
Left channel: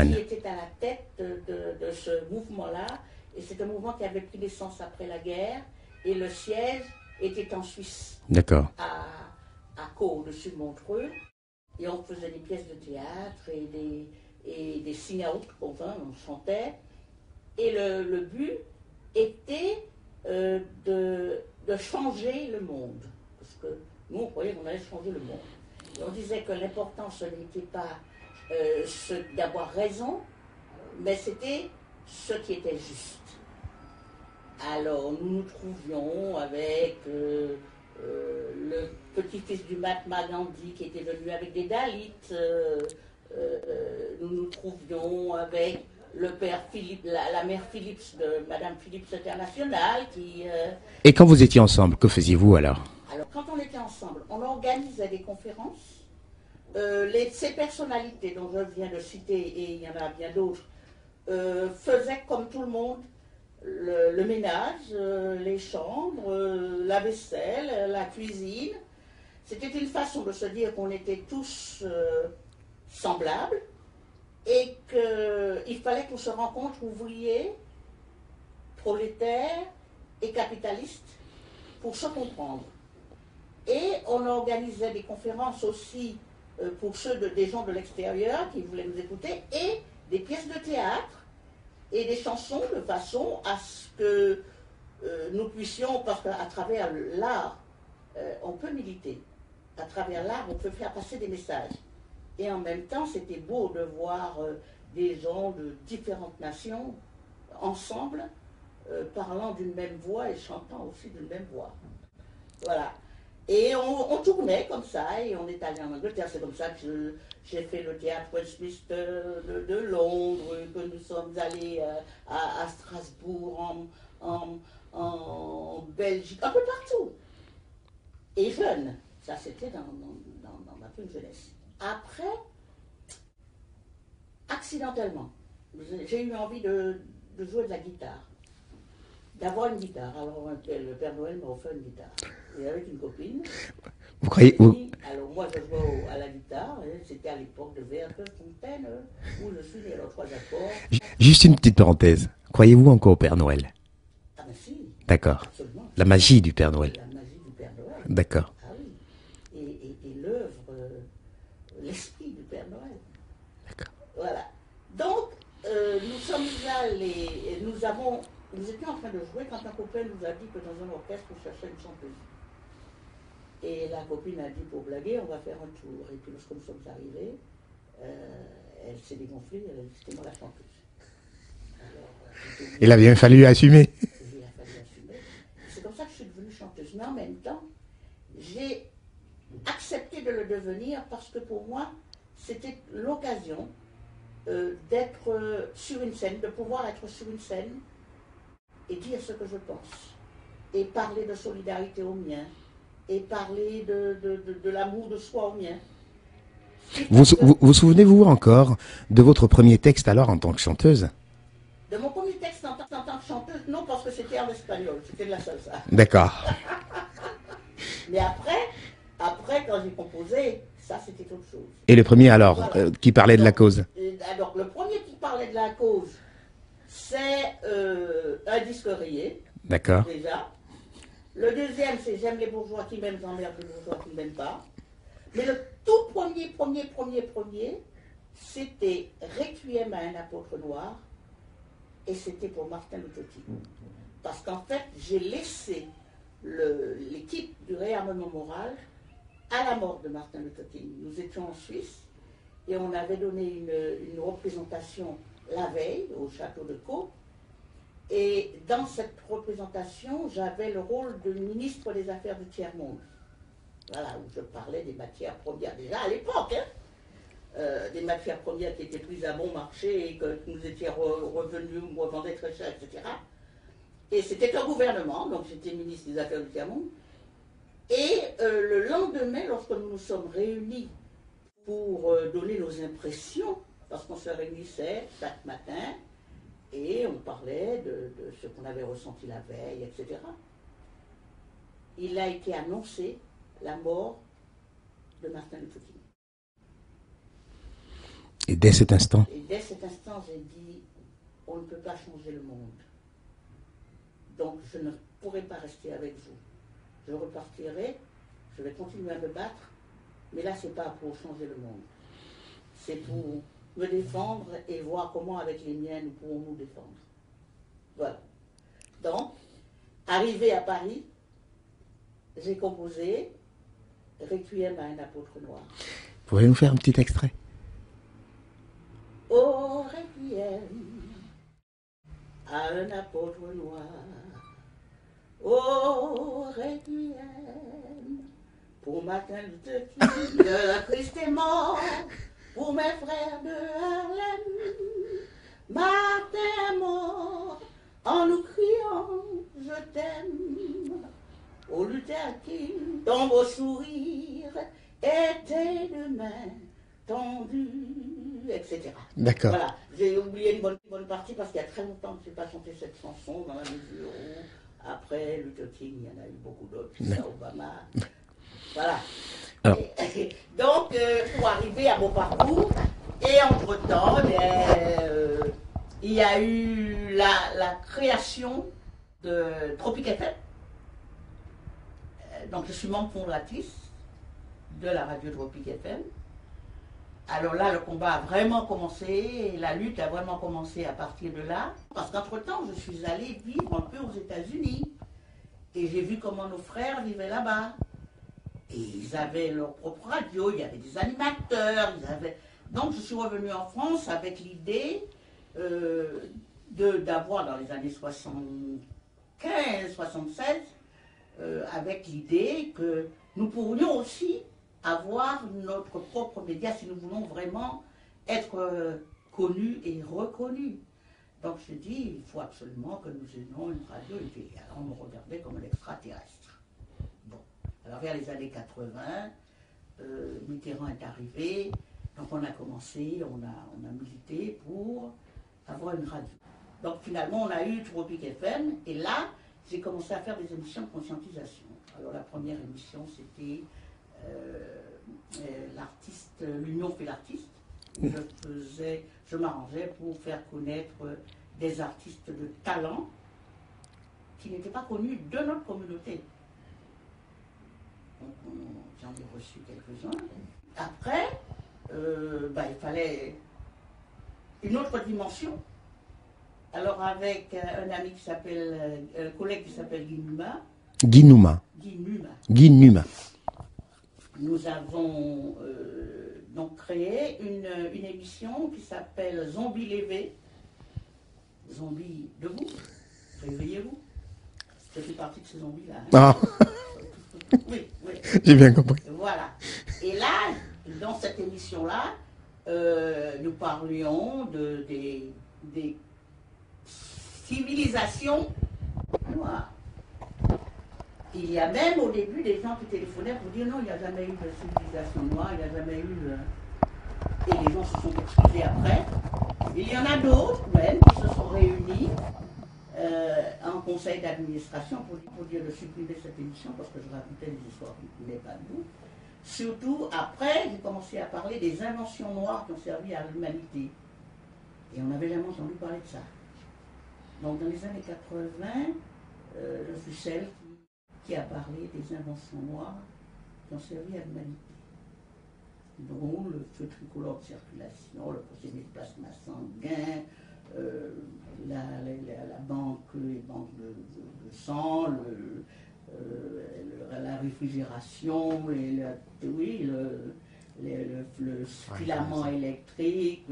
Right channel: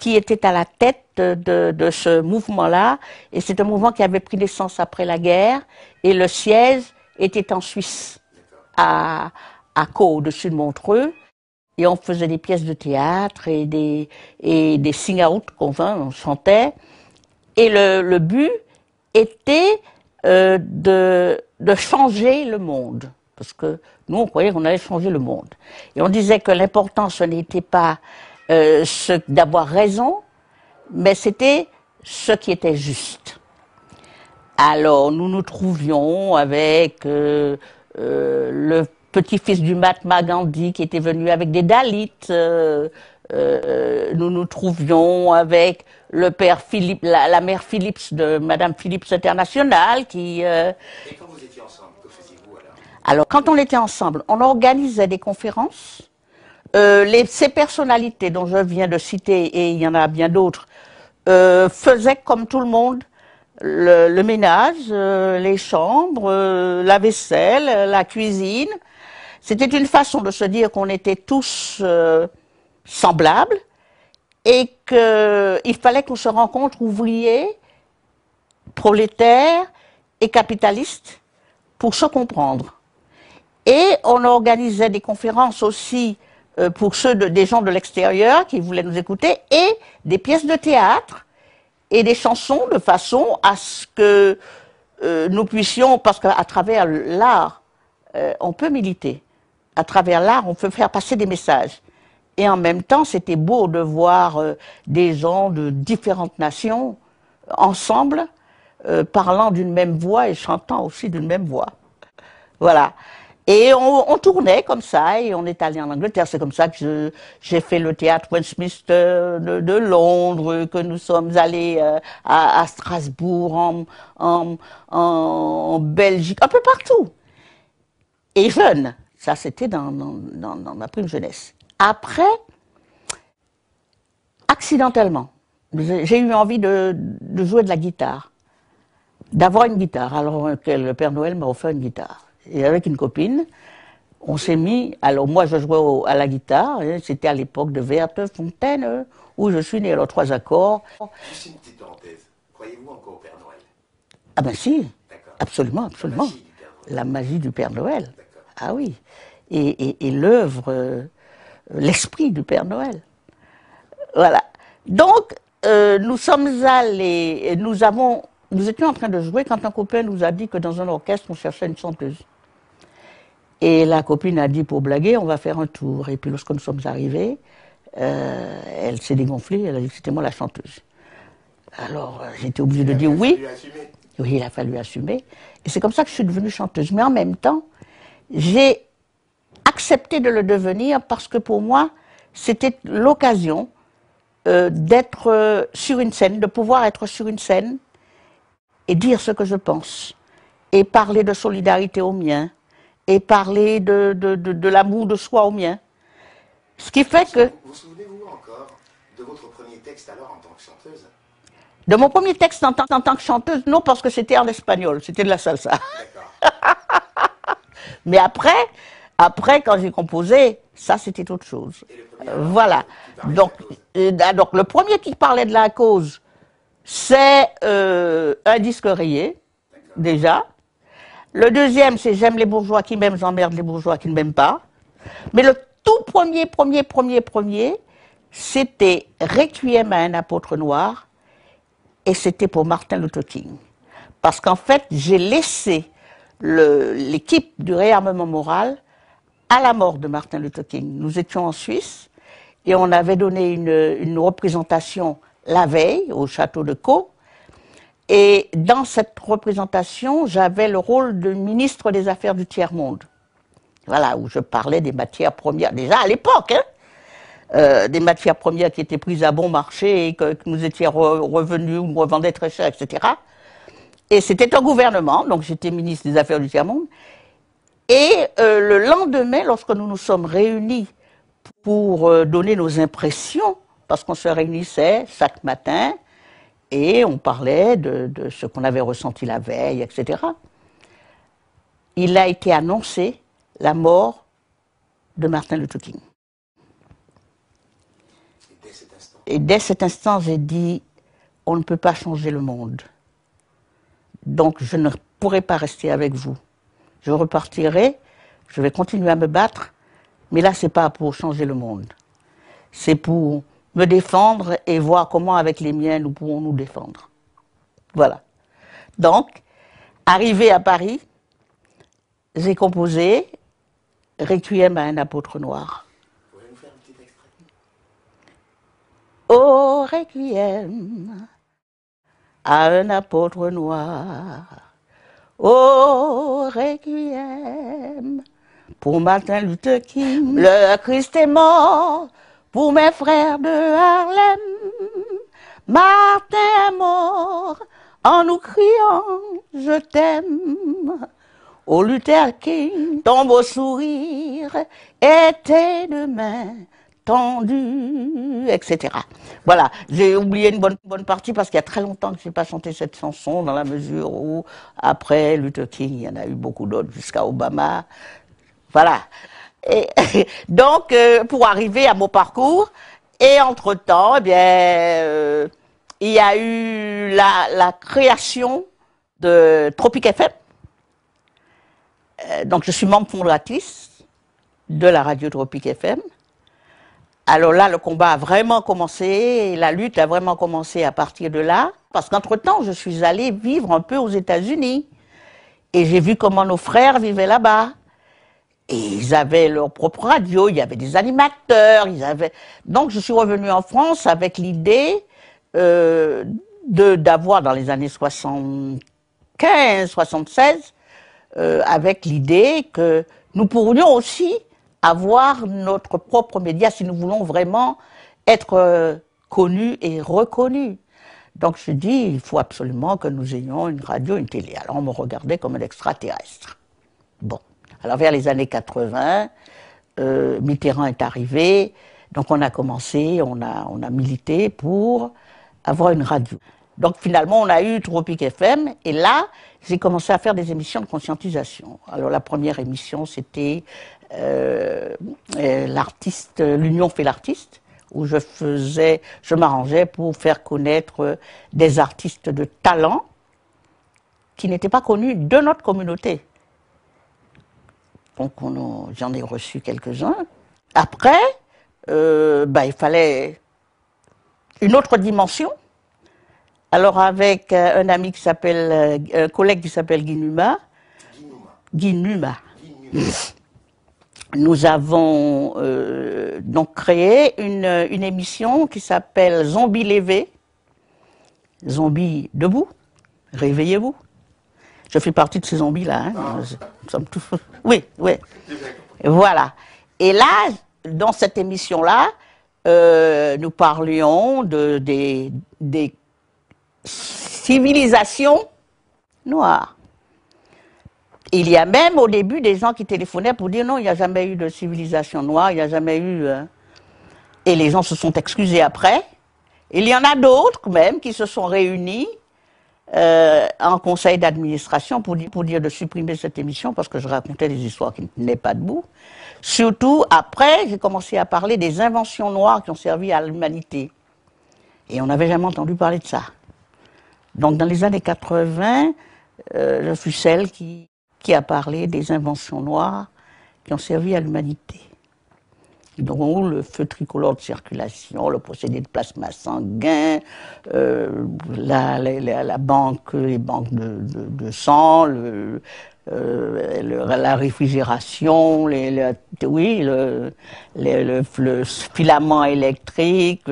qui était à la tête de ce mouvement-là. Et c'est un mouvement qui avait pris naissance après la guerre. Et le siège était en Suisse. D'accord. À Caux, au-dessus de Montreux. Et on faisait des pièces de théâtre et des sing-out on chantait. Et le but était de changer le monde. Parce que nous, on croyait qu'on allait changer le monde. Et on disait que l'important, ce n'était pas d'avoir raison, mais c'était ce qui était juste. Alors, nous nous trouvions avec le petit-fils du Mahatma Gandhi qui était venu avec des Dalits. Nous nous trouvions avec le père Philippe, la mère Phillips de Madame Phillips International qui... Et quand vous étiez ensemble, que faisiez-vous alors? Alors, quand on était ensemble, on organisait des conférences. Ces personnalités dont je viens de citer, et il y en a bien d'autres, faisaient comme tout le monde le ménage, les chambres, la vaisselle, la cuisine. C'était une façon de se dire qu'on était tous semblables et qu'il fallait qu'on se rencontre ouvriers, prolétaires et capitalistes pour se comprendre. Et on organisait des conférences aussi pour des gens de l'extérieur qui voulaient nous écouter, et des pièces de théâtre et des chansons de façon à ce que nous puissions, parce qu'à travers l'art, on peut militer. À travers l'art, on peut faire passer des messages. Et en même temps, c'était beau de voir des gens de différentes nations ensemble, parlant d'une même voix et chantant aussi d'une même voix. Voilà. Et on tournait comme ça, et on est allé en Angleterre. C'est comme ça que j'ai fait le théâtre Westminster de Londres, que nous sommes allés à Strasbourg, en Belgique, un peu partout. Et jeune, ça c'était dans ma prime jeunesse. Après, accidentellement, j'ai eu envie de jouer de la guitare, d'avoir une guitare. Alors le Père Noël m'a offert une guitare. Et avec une copine, on s'est mis... Alors moi, je jouais à la guitare. C'était à l'époque de Ah ben si. D'accord. Absolument. La magie du Père Noël. La magie du Père Noël. D'accord. Ah oui. Et l'œuvre, l'esprit du Père Noël. Voilà. Donc, nous sommes allés, nous étions en train de jouer quand un copain nous a dit que dans un orchestre, on cherchait une chanteuse. Et la copine a dit, pour blaguer, on va faire un tour. Et puis lorsque nous sommes arrivés, elle s'est dégonflée, elle a dit que c'était moi la chanteuse. Alors, j'étais obligée de dire oui. Il a bien fallu assumer. Oui, il a fallu assumer. Et c'est comme ça que je suis devenue chanteuse. Mais en même temps, j'ai accepté de le devenir parce que pour moi, c'était l'occasion d'être sur une scène, de pouvoir être sur une scène et dire ce que je pense. Et parler de solidarité aux miens. Et parler de l'amour de soi au mien. Ce qui fait que... Vous souvenez-vous encore de votre premier texte alors en tant que chanteuse? De mon premier texte en tant que chanteuse, non, parce que c'était en espagnol, c'était de la salsa. D'accord. Mais après, quand j'ai composé, ça c'était autre chose. Et le premier alors, voilà. Qui parlait de la cause? Donc le premier qui parlait de la cause, c'est un disque rayé, déjà. Le deuxième, c'est j'aime les bourgeois qui m'aiment, j'emmerde les bourgeois qui ne m'aiment pas. Mais le tout premier, c'était Requiem à un apôtre noir, et c'était pour Martin Luther King. Parce qu'en fait, j'ai laissé l'équipe du réarmement moral à la mort de Martin Luther King. Nous étions en Suisse, et on avait donné une représentation la veille au château de Caux. Et dans cette représentation, j'avais le rôle de ministre des Affaires du Tiers-Monde. Voilà, où je parlais des matières premières, déjà à l'époque, des matières premières qui étaient prises à bon marché et que nous étions revenus, on revendait très cher, etc. Et c'était un gouvernement, donc j'étais ministre des Affaires du Tiers-Monde. Et le lendemain, lorsque nous nous sommes réunis pour donner nos impressions, parce qu'on se réunissait chaque matin, et on parlait de ce qu'on avait ressenti la veille, etc. Il a été annoncé la mort de Martin Luther King. Et dès cet instant? Et dès cet instant, j'ai dit, on ne peut pas changer le monde. Donc je ne pourrai pas rester avec vous. Je repartirai, je vais continuer à me battre, mais là, ce n'est pas pour changer le monde. C'est pour me défendre et voir comment avec les miens nous pourrons nous défendre. Voilà. Donc, arrivé à Paris, j'ai composé Requiem à un apôtre noir. Vous pouvez nous faire un petit extrait? Oh, Requiem à un apôtre noir. Oh, Requiem pour Martin Luther King. Le Christ est mort pour mes frères de Harlem. Martin est mort en nous criant « Je t'aime ». Oh Luther King, ton beau sourire était de main tendue, etc. Voilà, j'ai oublié une bonne partie parce qu'il y a très longtemps que je n'ai pas chanté cette chanson, dans la mesure où, après Luther King, il y en a eu beaucoup d'autres, jusqu'à Obama. Voilà. Et, donc, pour arriver à mon parcours, et entre-temps, eh bien, il y a eu la création de Tropic FM. Donc, je suis membre fondatrice de la radio Tropic FM. Alors là, le combat a vraiment commencé, et la lutte a vraiment commencé à partir de là. Parce qu'entre-temps, je suis allée vivre un peu aux États-Unis. Et j'ai vu comment nos frères vivaient là-bas. Et ils avaient leur propre radio, il y avait des animateurs, Donc je suis revenue en France avec l'idée d'avoir, dans les années 75, 76, avec l'idée que nous pourrions aussi avoir notre propre média si nous voulons vraiment être connus et reconnus. Donc je dis, il faut absolument que nous ayons une radio, une télé. Alors on me regardait comme un extraterrestre. Bon. Alors vers les années 80, Mitterrand est arrivé, donc on a commencé, on a milité pour avoir une radio. Donc finalement on a eu Tropic FM, et là j'ai commencé à faire des émissions de conscientisation. Alors la première émission c'était l'Union fait l'artiste, où je m'arrangeais pour faire connaître des artistes de talent qui n'étaient pas connus de notre communauté. Donc j'en ai reçu quelques-uns. Après, il fallait une autre dimension. Alors avec un ami qui s'appelle, un collègue qui s'appelle Guy Numa. Nous avons donc créé une émission qui s'appelle Zombie Lévé. Zombies debout, réveillez-vous. Je fais partie de ces zombies-là. Hein. Ah. Oui, oui. J'ai bien compris. Voilà. Et là, dans cette émission-là, nous parlions des civilisations noires. Il y a même au début des gens qui téléphonaient pour dire non, il n'y a jamais eu de civilisation noire, il n'y a jamais eu... Et les gens se sont excusés après. Il y en a d'autres même qui se sont réunis en conseil d'administration pour dire de supprimer cette émission parce que je racontais des histoires qui ne tenaient pas debout. Surtout après, j'ai commencé à parler des inventions noires qui ont servi à l'humanité. Et on n'avait jamais entendu parler de ça. Donc dans les années 80, je suis celle qui a parlé des inventions noires qui ont servi à l'humanité. Donc le feu tricolore de circulation, le procédé de plasma sanguin, la banque, les banques de sang, la réfrigération, le filament électrique,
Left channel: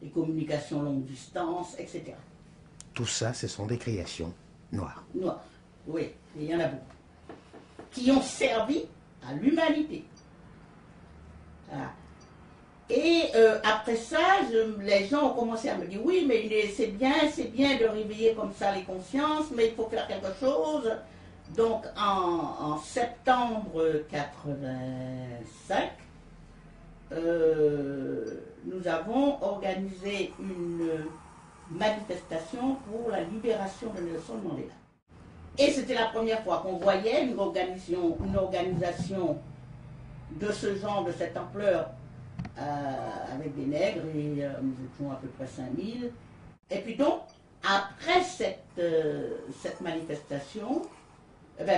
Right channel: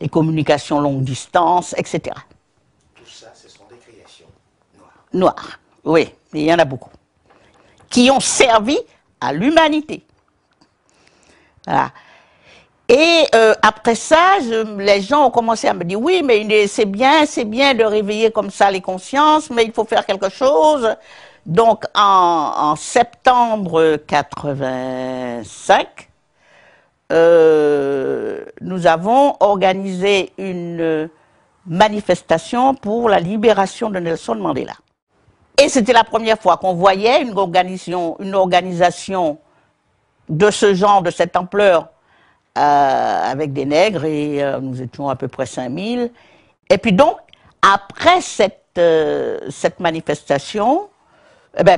les communications longue distance, etc. Tout ça, ce sont des créations noires. Noires, oui, il y en a beaucoup. Qui ont servi à l'humanité. Voilà. Et après ça, les gens ont commencé à me dire, oui, mais c'est bien de réveiller comme ça les consciences, mais il faut faire quelque chose. Donc en septembre 85, nous avons organisé une manifestation pour la libération de Nelson Mandela. Et c'était la première fois qu'on voyait une organisation de ce genre, de cette ampleur, avec des nègres, et nous étions à peu près 5000. Et puis donc, après cette manifestation,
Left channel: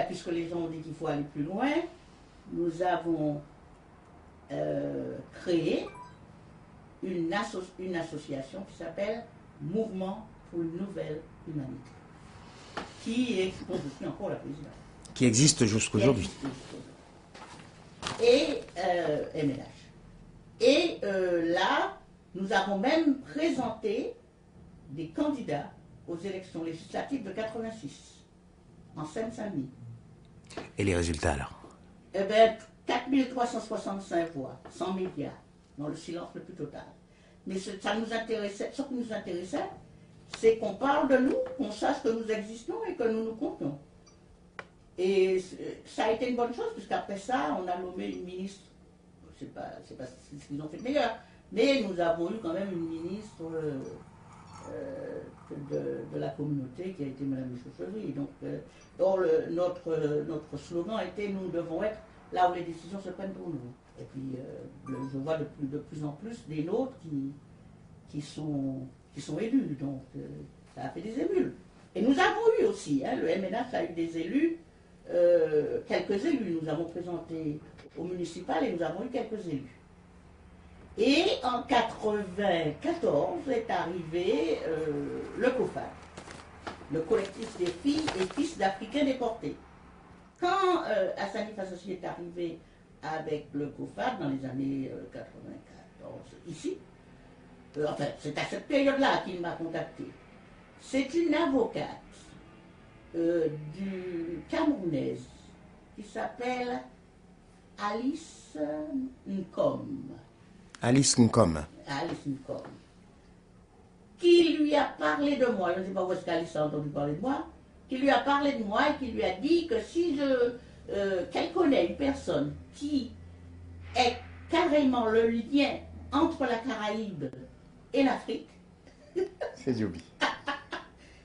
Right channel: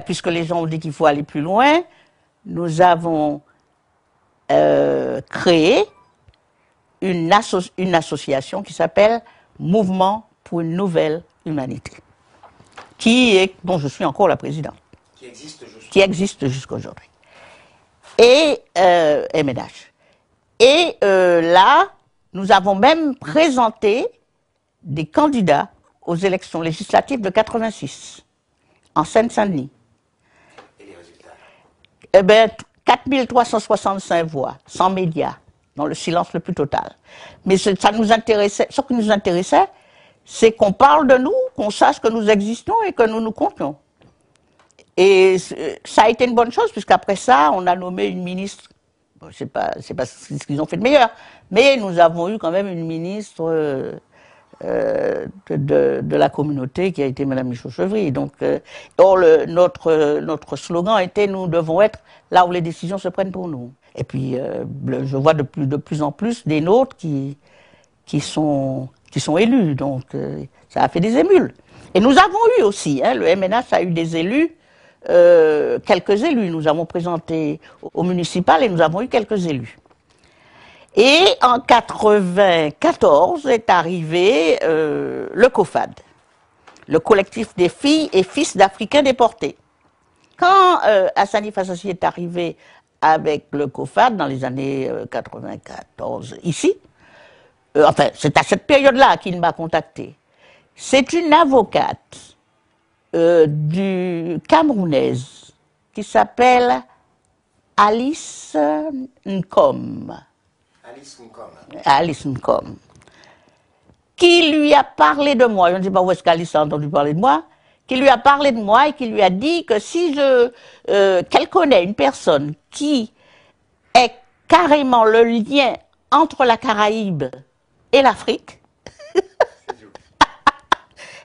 puisque les gens ont dit qu'il faut aller plus loin, nous avons créé une association qui s'appelle Mouvement pour une nouvelle humanité, dont je suis encore la présidente. Qui existe jusqu'aujourd'hui. Et MNH. Et là, nous avons même présenté des candidats aux élections législatives de 86, en Seine-Saint-Denis. Et les résultats alors? 4365 voix, sans médias, dans le silence le plus total. Mais ce qui nous intéressait, c'est qu'on parle de nous, qu'on sache que nous existons et que nous nous comptons. Et ça a été une bonne chose, puisqu'après ça, on a nommé une ministre. Bon, c'est pas ce qu'ils ont fait de meilleur, mais nous avons eu quand même une ministre de la communauté qui a été Mme Michaud-Chevry. Donc, notre slogan était « Nous devons être là où les décisions se prennent pour nous ». Et puis, je vois de plus en plus des nôtres qui sont élus. Donc, ça a fait des émules. Et nous avons eu aussi, le MNH a eu des élus, quelques élus. Nous avons présenté au municipal et nous avons eu quelques élus. Et en 1994 est arrivé le COFAD, le collectif des filles et fils d'Africains déportés. Quand Hassani Fassassi est arrivé avec le COFAD dans les années 94 ici, enfin c'est à cette période-là qu'il m'a contacté. C'est une avocate camerounaise qui s'appelle Alice Nkom. Alice Nkom. Alice Nkom. Qui lui a parlé de moi, je ne sais pas où est-ce qu'Alice a entendu parler de moi, qui lui a parlé de moi et qui lui a dit que si qu'elle connaît une personne qui est carrément le lien entre la Caraïbe et l'Afrique,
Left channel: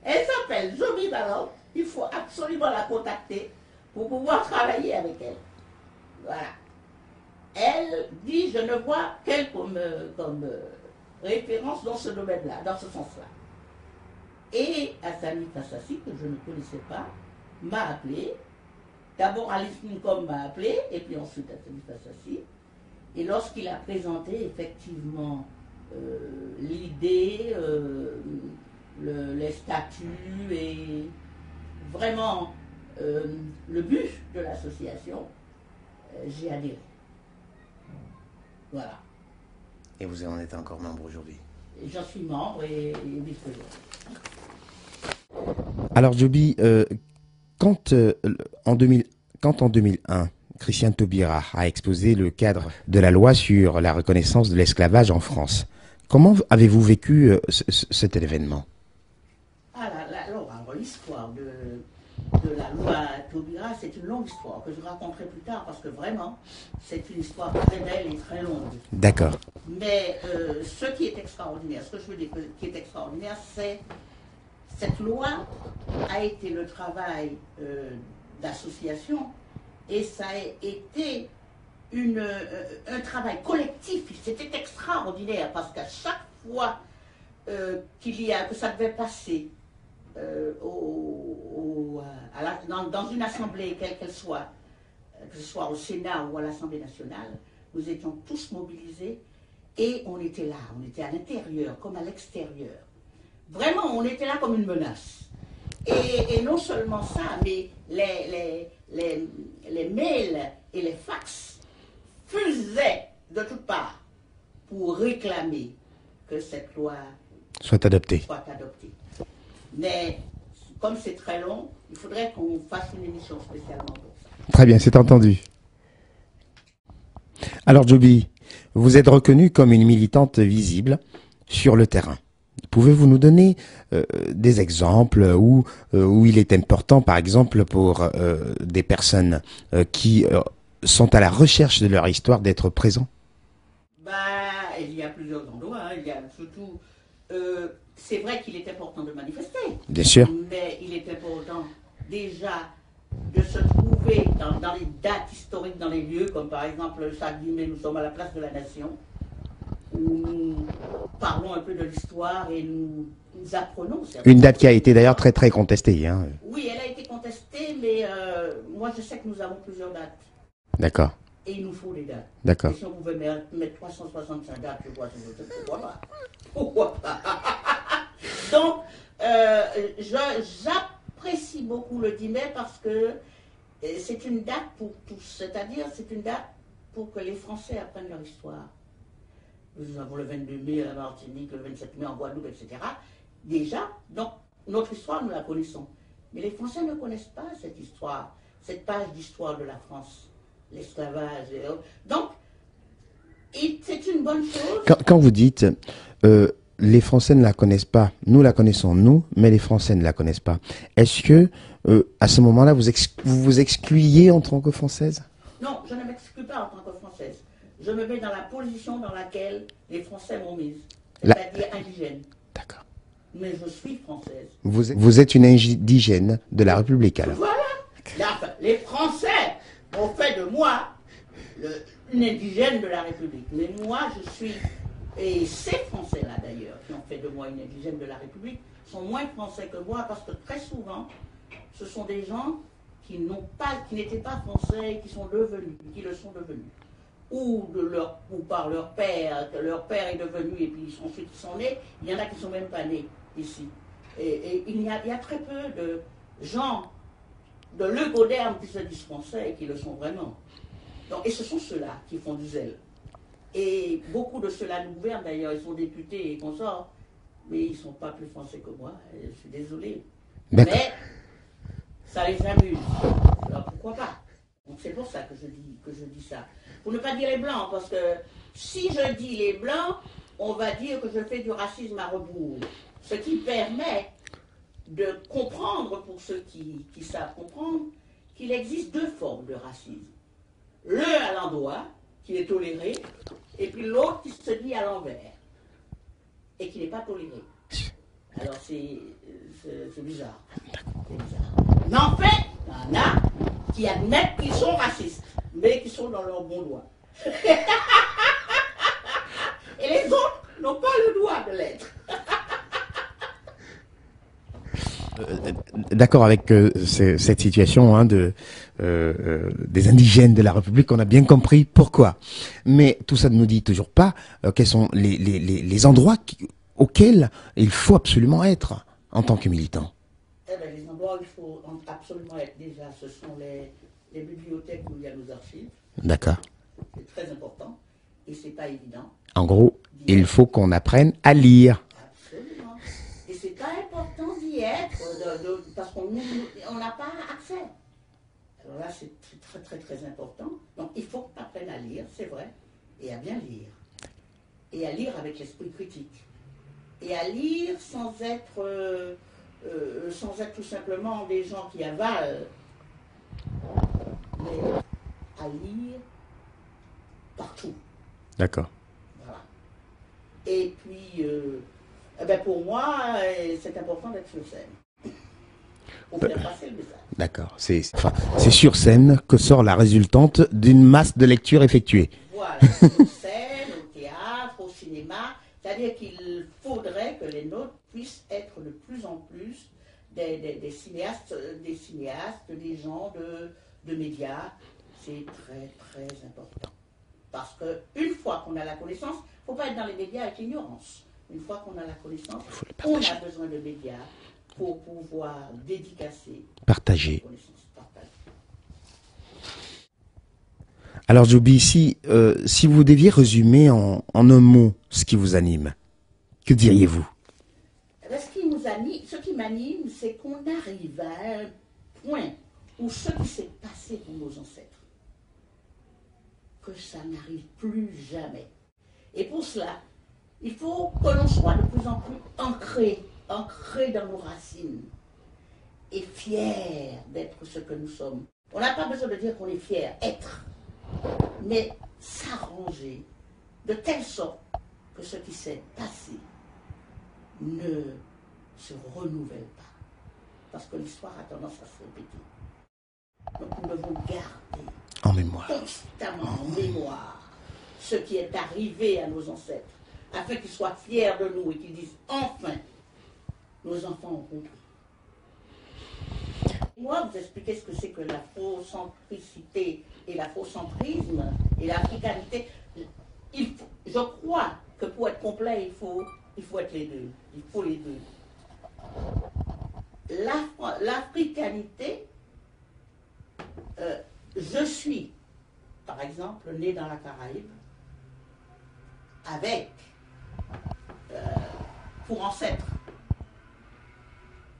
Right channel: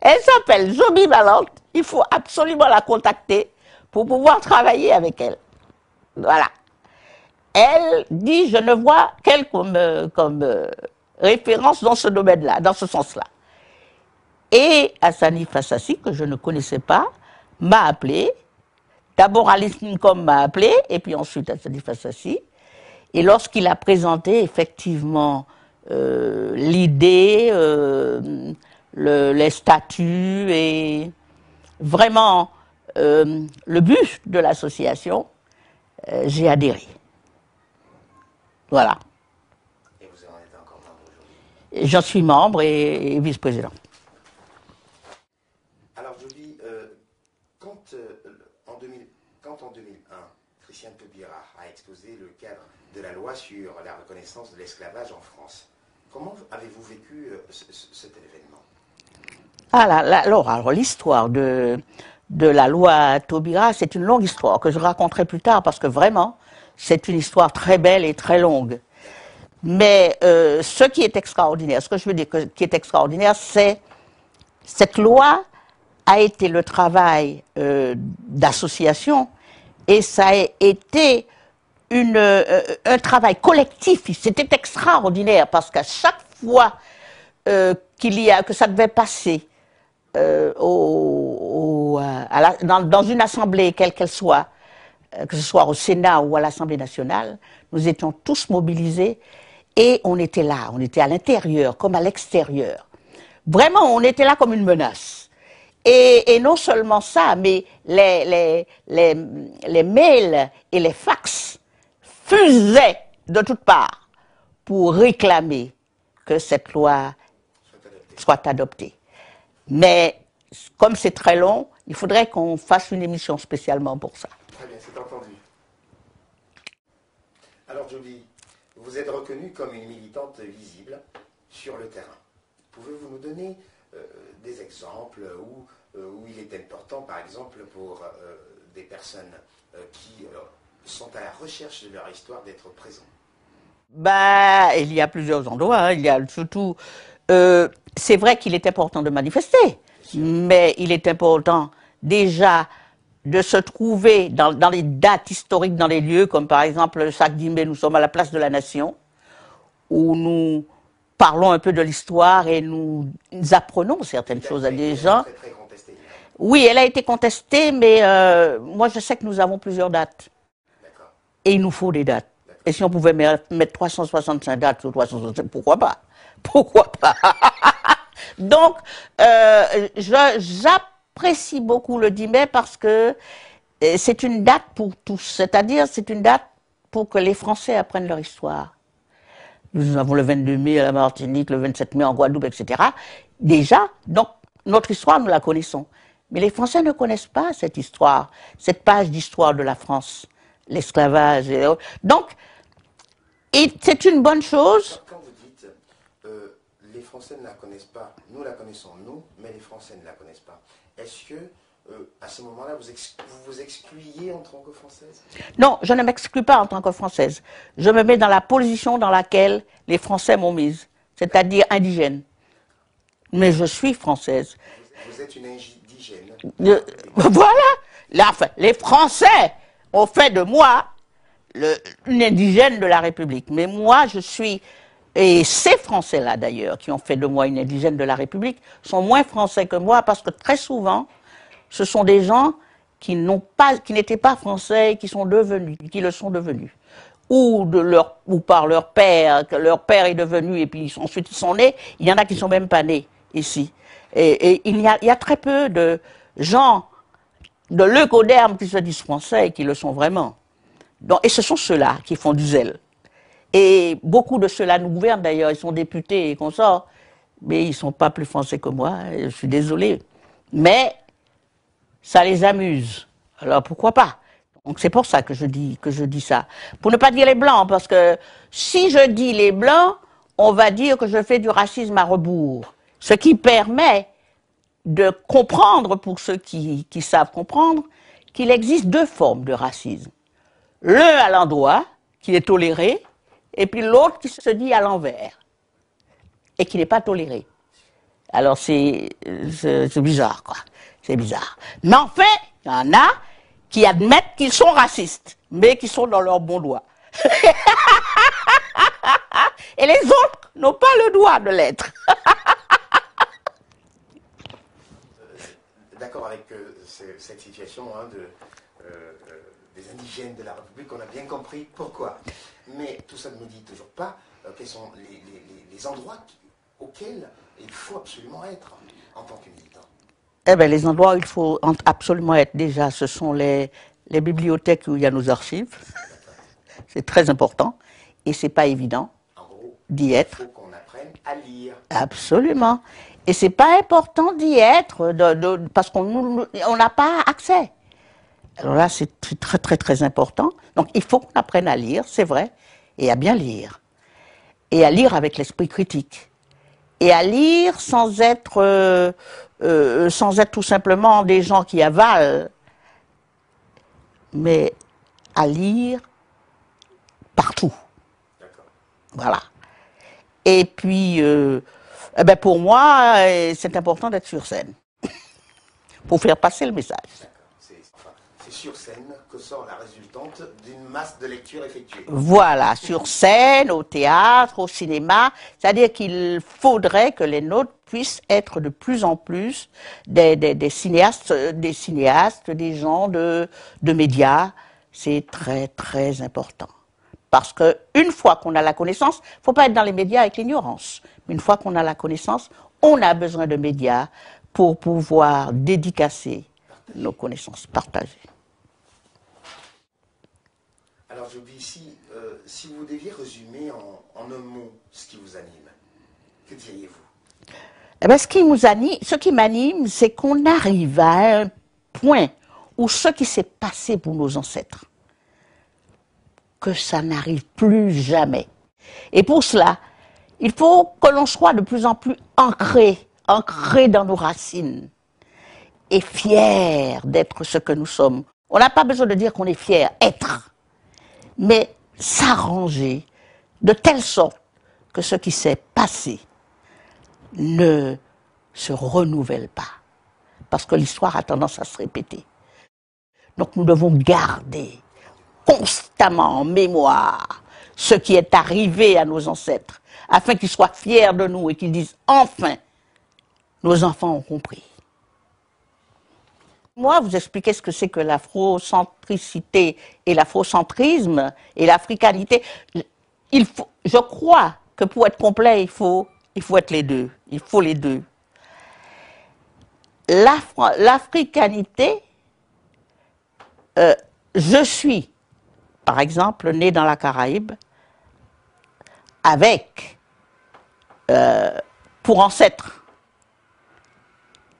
elle s'appelle Zombie Valente, il faut absolument la contacter pour pouvoir travailler avec elle. Voilà. Elle dit, je ne vois qu'elle comme référence dans ce domaine-là, dans ce sens-là. Et Hassani Fassassi, que je ne connaissais pas, m'a appelé. D'abord, Alice Ncom m'a appelé, et puis ensuite, Assadi Fassassi. Et lorsqu'il a présenté effectivement l'idée, les statuts et vraiment le but de l'association, j'ai adhéré. Voilà. Et vous en êtes encore membre aujourd'hui? J'en suis membre et vice-président. Alors, Djoby, quand en 2001, Christiane Taubira a exposé le cadre de la loi sur la reconnaissance de l'esclavage en France, comment avez-vous vécu cet événement? Alors l'histoire de la loi Taubira, c'est une longue histoire que je raconterai plus tard parce que vraiment, c'est une histoire très belle et très longue. D'accord. Mais ce qui est extraordinaire, ce que je veux dire qui est extraordinaire, c'est cette loi a été le travail d'association et ça a été un travail collectif. C'était extraordinaire parce qu'à chaque fois que ça devait passer dans une assemblée, quelle qu'elle soit, que ce soit au Sénat ou à l'Assemblée nationale, nous étions tous mobilisés et on était là, on était à l'intérieur comme à l'extérieur. Vraiment, on était là comme une menace. Et non seulement ça, mais les mails et les fax fusaient de toutes parts pour réclamer que cette loi soit adoptée. Mais comme c'est très long, il faudrait qu'on fasse une émission spécialement pour ça. Très bien, c'est entendu. Alors, Djoby, vous êtes reconnue comme une militante visible sur le terrain. Pouvez-vous nous donner des exemples où il est important, par exemple, pour des personnes qui sont à la recherche de leur histoire d'être présents? Il y a plusieurs endroits. Hein. Il y a surtout... c'est vrai qu'il est important de manifester. Bien sûr. Mais il est important déjà de se trouver dans les dates historiques, dans les lieux, comme par exemple le 5 mai, nous sommes à la place de la Nation, où nous parlons un peu de l'histoire et nous apprenons certaines choses. Une date qui a été d'ailleurs très très contestée. Hein. Oui, elle a été contestée, mais moi je sais que nous avons plusieurs dates. D'accord. Et il nous faut des dates. D'accord. Et si on pouvait mettre 365 dates sur 365, pourquoi pas? Pourquoi pas? Donc, j'apprécie beaucoup le 10 mai parce que c'est une date pour tous. C'est-à-dire, c'est une date pour que les Français apprennent leur histoire. Nous avons le 22 mai à la Martinique, le 27 mai en Guadeloupe, etc. Déjà, donc, notre histoire, nous la connaissons. Mais les Français ne connaissent pas cette histoire, cette page d'histoire de la France, l'esclavage. Donc, c'est une bonne chose. Quand vous dites les Français ne la connaissent pas, nous la connaissons, nous, mais les Français ne la connaissent pas, est-ce que à ce moment-là, vous vous excluiez en tant que Française? Non, je ne m'exclus pas en tant que Française. Je me mets dans la position dans laquelle les Français m'ont mise, c'est-à-dire indigène. D'accord. Mais je suis Française. Vous êtes une indigène de la République. Voilà. Les Français ont fait de moi une indigène de la République. Mais moi, je suis... Et ces Français-là, d'ailleurs, qui ont fait de moi une indigène de la République, sont moins Français que moi parce que très souvent, ce sont des gens qui n'étaient pas Français et qui sont devenus, qui le sont devenus. Ou par leur père, que leur père est devenu et puis ensuite ils sont nés. Il y en a qui ne sont même pas nés ici. Et il y a très peu de gens de leucodermes qui se disent Français et qui le sont vraiment. Donc, et ce sont ceux-là qui font du zèle. Et beaucoup de ceux-là nous gouvernent d'ailleurs, ils sont députés et consorts, mais ils ne sont pas plus français que moi, je suis désolé. Mais ça les amuse, alors pourquoi pas? Donc c'est pour ça que je dis ça. Pour ne pas dire les blancs, parce que si je dis les blancs, on va dire que je fais du racisme à rebours. Ce qui permet de comprendre, pour ceux qui savent comprendre, qu'il existe deux formes de racisme. L'un à l'endroit, qui est toléré, et puis l'autre qui se dit à l'envers, et qui n'est pas toléré. Alors c'est bizarre, quoi. C'est bizarre. Mais en fait, il y en a qui admettent qu'ils sont racistes, mais qui sont dans leur bon doigt. Et les autres n'ont pas le droit de l'être. d'accord avec cette situation hein, des indigènes de la République, on a bien compris pourquoi. Mais tout ça ne nous dit toujours pas quels sont les endroits auxquels il faut absolument être en tant que militant. Eh bien, les endroits où il faut absolument être, déjà, ce sont les bibliothèques où il y a nos archives. D'accord. C'est très important et c'est pas évident. En gros, il faut qu'on apprenne à lire. Absolument. Et c'est pas important d'y être parce qu'on n'a pas accès. Alors là, c'est très, très, très important. Donc, il faut qu'on apprenne à lire, c'est vrai, et à bien lire. Et à lire avec l'esprit critique. Et à lire sans être tout simplement des gens qui avalent, mais à lire partout. D'accord. Voilà. Et puis, eh ben pour moi, c'est important d'être sur scène pour faire passer le message. D'accord. C'est sur scène que sort la résultante d'une masse de lectures effectuées. Voilà, sur scène, au théâtre, au cinéma. C'est-à-dire qu'il faudrait que les nôtres puissent être de plus en plus des cinéastes, des gens de médias. C'est très, très important. Parce qu'une fois qu'on a la connaissance, il ne faut pas être dans les médias avec l'ignorance. Une fois qu'on a la connaissance, on a besoin de médias pour pouvoir dédicacer nos connaissances, partager. Alors Djoby, si vous deviez résumer en un mot ce qui vous anime, que diriez-vous? Eh bien, ce qui m'anime, c'est qu'on arrive à un point où ce qui s'est passé pour nos ancêtres, que ça n'arrive plus jamais. Et pour cela, il faut que l'on soit de plus en plus ancré dans nos racines et fier d'être ce que nous sommes. On n'a pas besoin de dire qu'on est fier, être, mais s'arranger de telle sorte que ce qui s'est passé ne se renouvelle pas, parce que l'histoire a tendance à se répéter. Donc nous devons garder constamment en mémoire ce qui est arrivé à nos ancêtres, afin qu'ils soient fiers de nous et qu'ils disent enfin, nos enfants ont compris. Moi, vous expliquez ce que c'est que l'afrocentricité et l'afrocentrisme et l'africanité. Je crois que pour être complet, il faut être les deux. Il faut les deux. L'africanité, je suis, par exemple, né dans la Caraïbe, avec, pour ancêtre,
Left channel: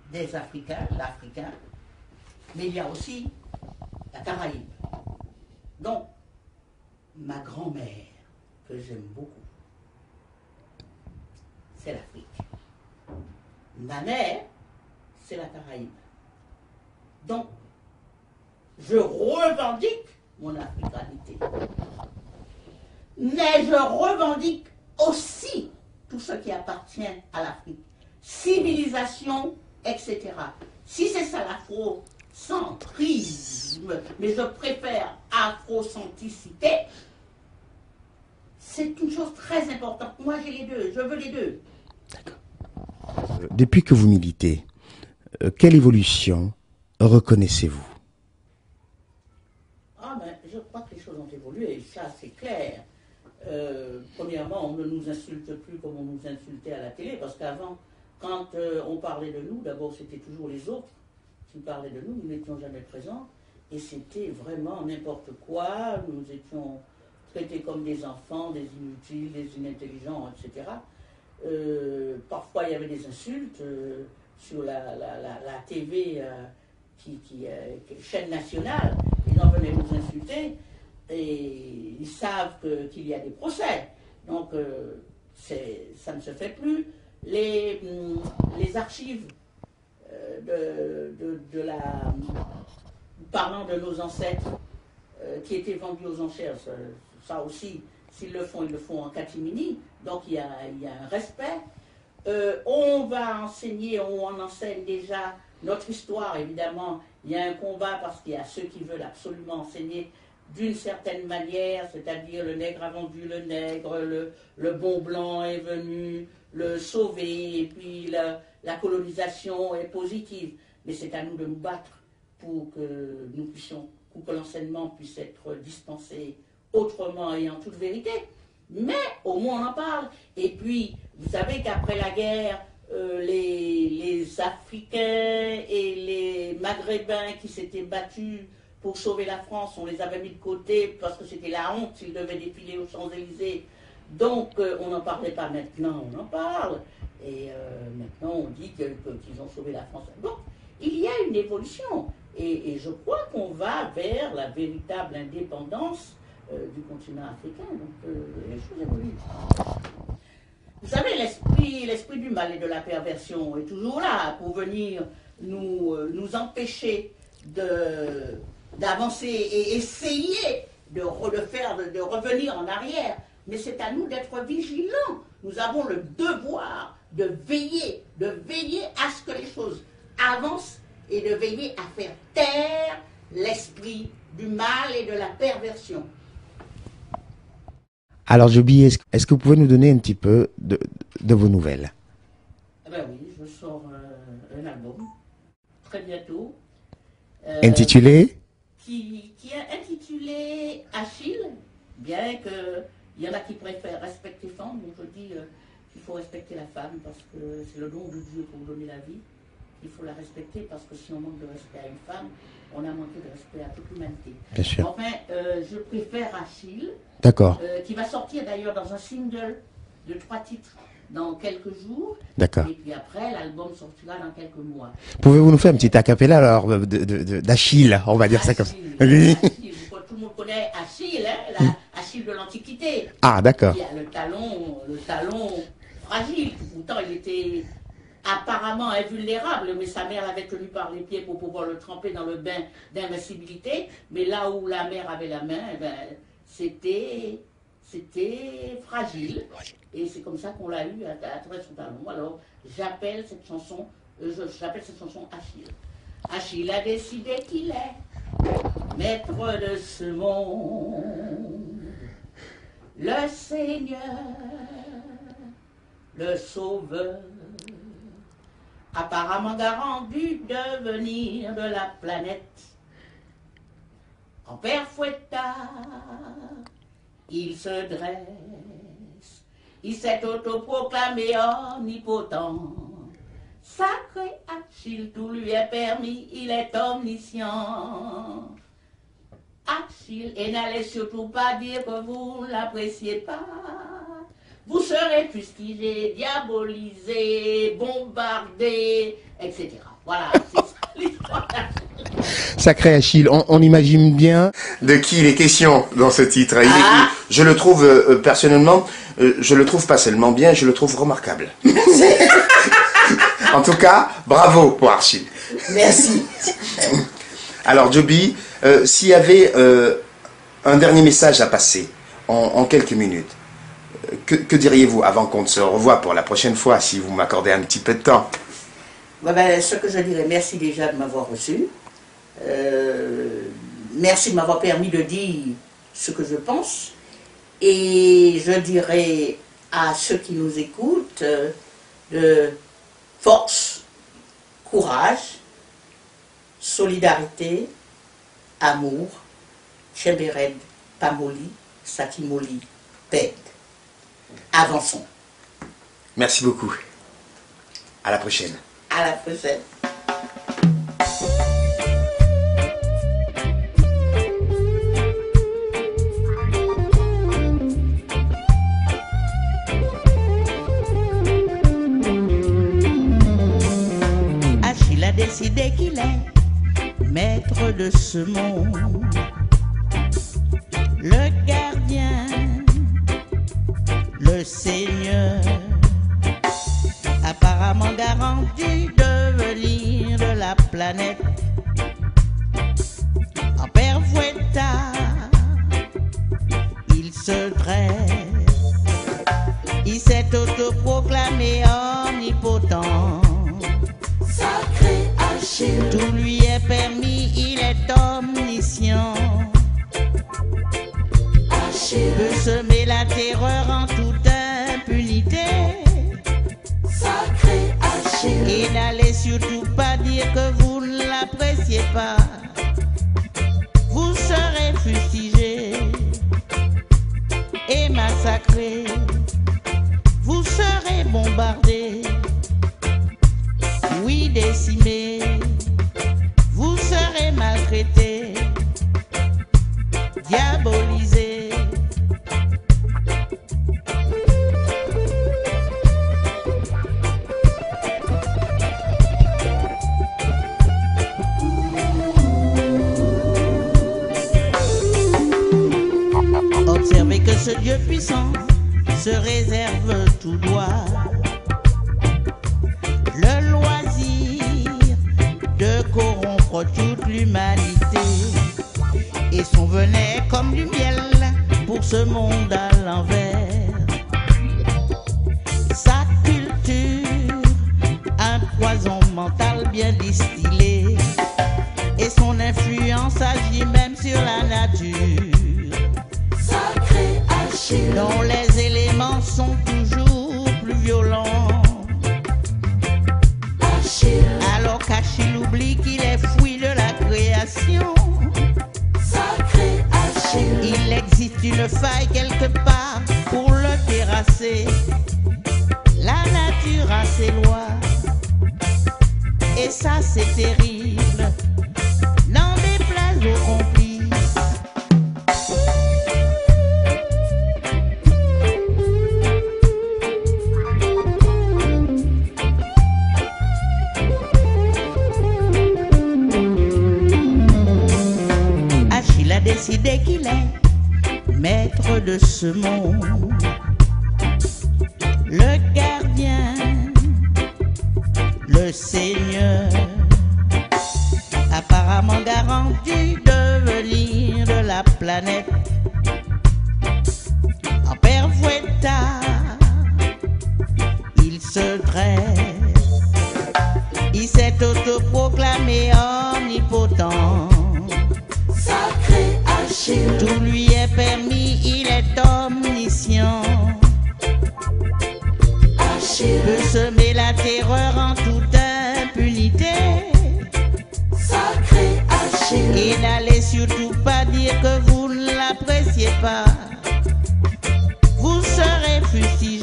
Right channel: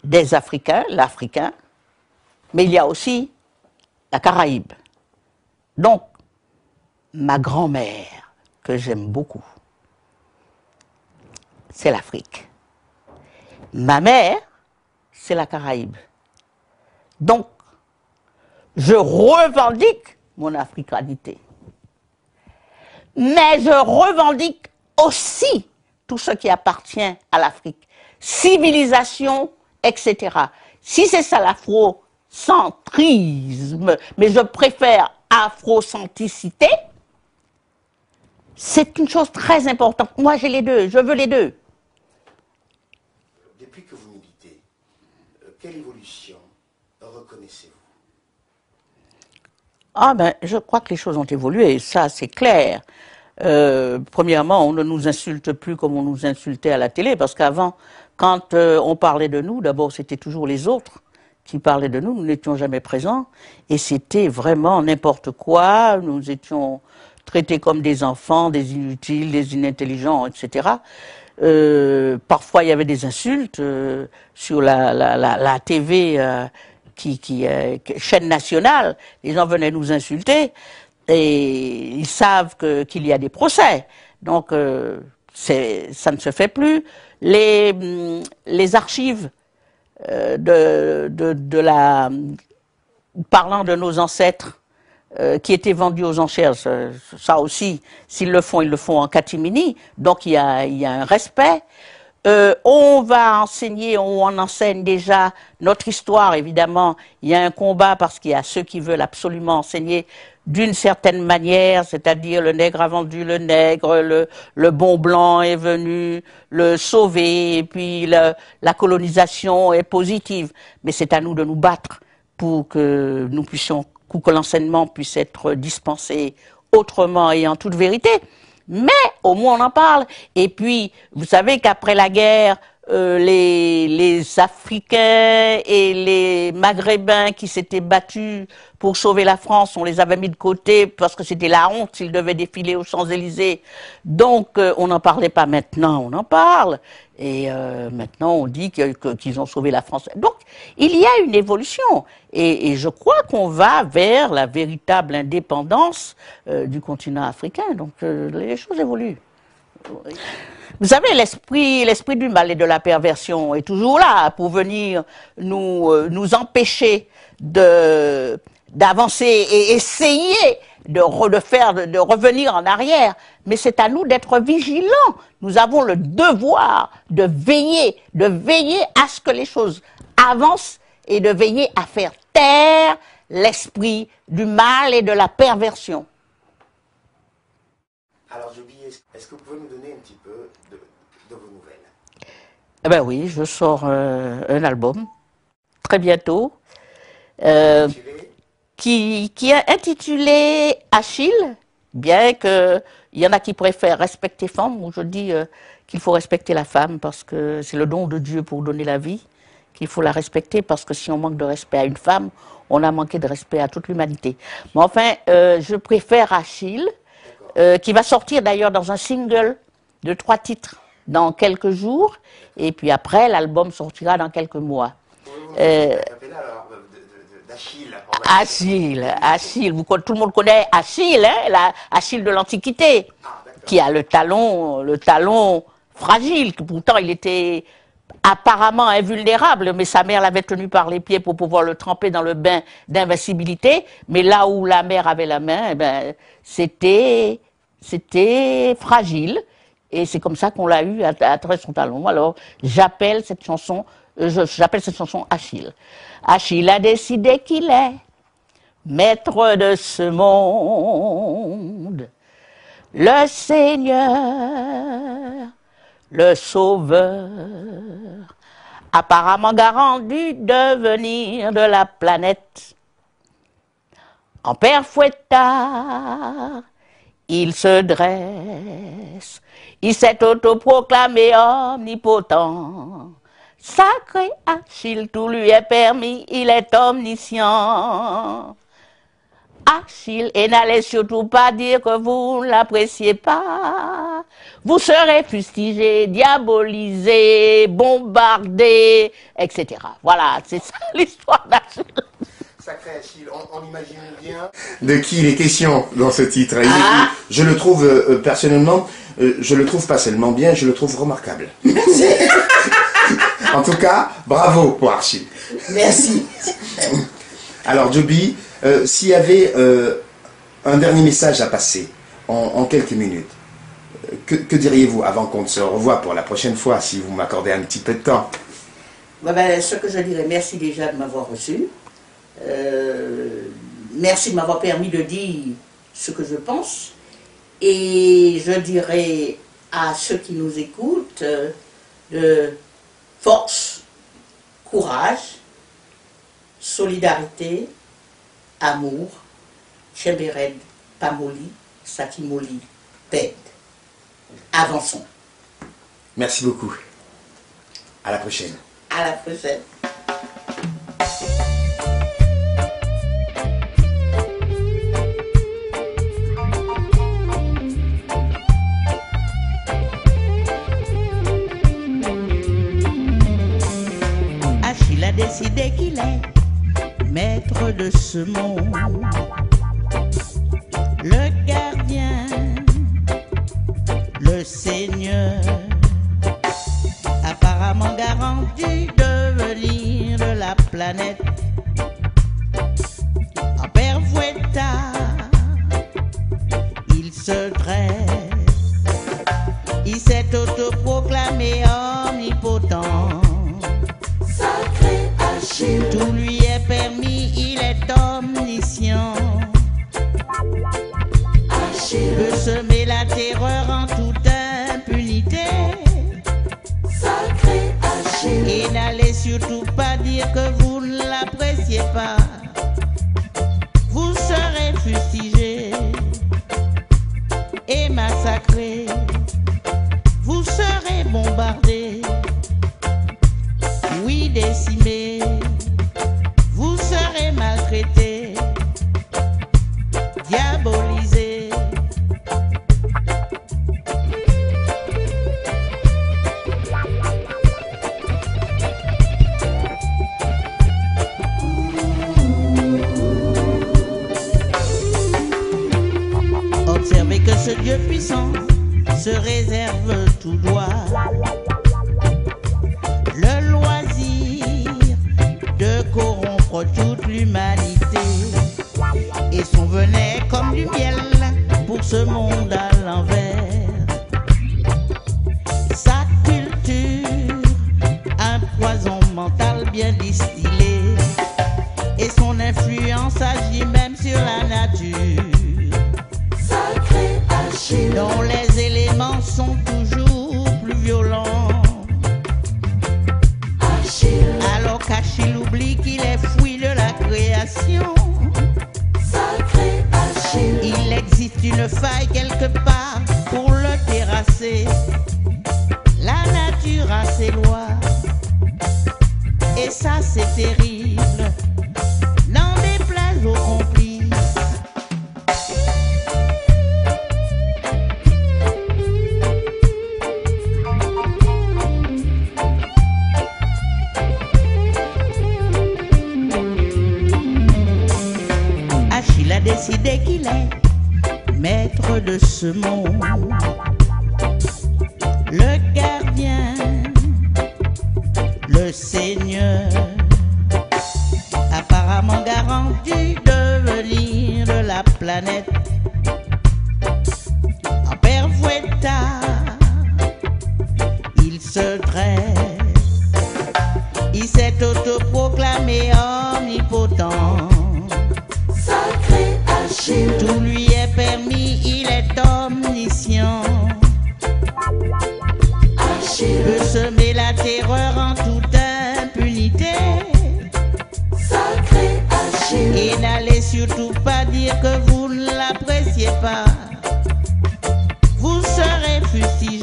des Africains, l'Africain, mais il y a aussi la Caraïbe. Donc, ma grand-mère, que j'aime beaucoup, c'est l'Afrique. Ma mère, c'est la Caraïbe. Donc, je revendique mon africanité. Mais je revendique aussi tout ce qui appartient à l'Afrique. Civilisation, etc. Si c'est ça l'afrocentrisme, mais je préfère afrocentricité, c'est une chose très importante. Moi, j'ai les deux, je veux les deux. Depuis que vous militez, quelle évolution reconnaissez-vous? Ah ben, je crois que les choses ont évolué, ça c'est clair. Premièrement, on ne nous insulte plus comme on nous insultait à la télé, parce qu'avant, quand on parlait de nous, d'abord c'était toujours les autres qui parlaient de nous, nous n'étions jamais présents, et c'était vraiment n'importe quoi, nous étions traités comme des enfants, des inutiles, des inintelligents, etc. Parfois il y avait des insultes sur la TV chaîne nationale, les gens venaient nous insulter et ils savent qu'il y a des procès. Donc ça ne se fait plus. Les archives parlant de nos ancêtres qui étaient vendus aux enchères, ça aussi, s'ils le font, ils le font en catimini, donc il y a un respect. On va enseigner, on enseigne déjà notre histoire, évidemment. Il y a un combat parce qu'il y a ceux qui veulent absolument enseigner d'une certaine manière, c'est-à-dire le nègre a vendu le nègre, le bon blanc est venu le sauver, et puis la colonisation est positive. Mais c'est à nous de nous battre pour que nous puissions, que l'enseignement puisse être dispensé autrement et en toute vérité. Mais au moins on en parle. Et puis, vous savez qu'après la guerre, les Africains et les Maghrébins qui s'étaient battus pour sauver la France, on les avait mis de côté parce que c'était la honte s'ils devaient défiler aux Champs-Élysées. Donc on n'en parlait pas. Maintenant, on en parle. Et maintenant, on dit qu'ils ont sauvé la France. Donc, il y a une évolution. Et je crois qu'on va vers la véritable indépendance du continent africain. Donc, les choses évoluent. Vous savez, l'esprit du mal et de la perversion est toujours là pour venir nous empêcher d'avancer et essayer de revenir en arrière. Mais c'est à nous d'être vigilants. Nous avons le devoir de veiller à ce que les choses avancent et de veiller à faire taire l'esprit du mal et de la perversion. Alors, Joby, est-ce que vous pouvez nous donner un petit peu de vos nouvelles? Eh ben oui, je sors un album très bientôt. Intitulé qui est intitulé Achille, bien qu'il y en a qui préfèrent respecter femme, où je dis qu'il faut respecter la femme parce que c'est le don de Dieu pour donner la vie, qu'il faut la respecter parce que si on manque de respect à une femme, on a manqué de respect à toute l'humanité. Mais enfin, je préfère Achille, qui va sortir d'ailleurs dans un single de 3 titres dans quelques jours, et puis après l'album sortira dans quelques mois. Pouvez-vous nous faire une petite acapella alors d'Achille, on va dire ça comme ça. Achille, tout le monde connaît Achille, hein, Achille de l'Antiquité, qui a le talon fragile, pourtant il était apparemment invulnérable, mais sa mère l'avait tenu par les pieds pour pouvoir le tremper dans le bain d'invincibilité, mais là où la mère avait la main, eh ben, c'était fragile. Et c'est comme ça qu'on l'a eu à travers son talon. Alors, j'appelle cette chanson Achille. Achille a décidé qu'il est maître de ce monde, le Seigneur, le Sauveur, apparemment garant du devenir de la planète. En père fouettard, il se dresse. Il s'est autoproclamé omnipotent. Sacré Achille, tout lui est permis, il est omniscient. Achille, et n'allez surtout pas dire que vous ne l'appréciez pas. Vous serez fustigé, diabolisé, bombardé, etc. Voilà, c'est ça l'histoire d'Achille. Sacré Achille, on imagine bien de qui il est question dans ce titre. Je le trouve personnellement, je le trouve pas seulement bien, je le trouve remarquable. En tout cas, bravo pour Achille. Merci. Alors Joby, s'il y avait un dernier message à passer en quelques minutes, que diriez-vous avant qu'on se revoie pour la prochaine fois, si vous m'accordez un petit peu de temps? Ce que je dirais, merci déjà de m'avoir reçu. Merci de m'avoir permis de dire ce que je pense. Et je dirais à ceux qui nous écoutent de force, courage, solidarité, amour, Chebered, Pamoli, Sakimoli, Ped. Avançons. Merci beaucoup. À la prochaine. À la prochaine. Achille a décidé qu'il est maître de ce monde, le gardien, le Seigneur, apparemment garant du devenir de la planète. En père fouettard, il se dresse, il s'est autoproclamé omnipotent. Sacré Achille, tout lui est permis, il est omniscient. Et n'allez surtout pas dire que vous ne l'appréciez pas. Vous serez fustigé et massacré. Vous serez bombardé, oui décimé. Vous serez maltraité, diabolisé. Observez que ce Dieu puissant se réserve tout droit le loisir de corrompre toute l'humanité, et son venin est comme du miel pour ce monde à l'envers. Sa culture, un poison mental bien distillé, et son influence agit même sur la nature, dont les éléments sont toujours plus violents. Alors qu'Achille oublie qu'il est fruit de la création, il existe une faille quelque part pour le terrasser. La nature a ses lois, et ça c'est terrible, n'en déplaise aux complices. Achille a décidé qu'il est maître de ce monde, le gardien, le seigneur, apparemment garant du devenir de la planète. En père Fouettard, il se dresse, il s'est autoproclamé omnipotent. Sacré Achille, tout lui est permis, il est omniscient. Achille peut semer la terreur en toute impunité. Sacré Achille, et n'allez surtout pas dire que vous ne l'appréciez pas. Vous serez fustigé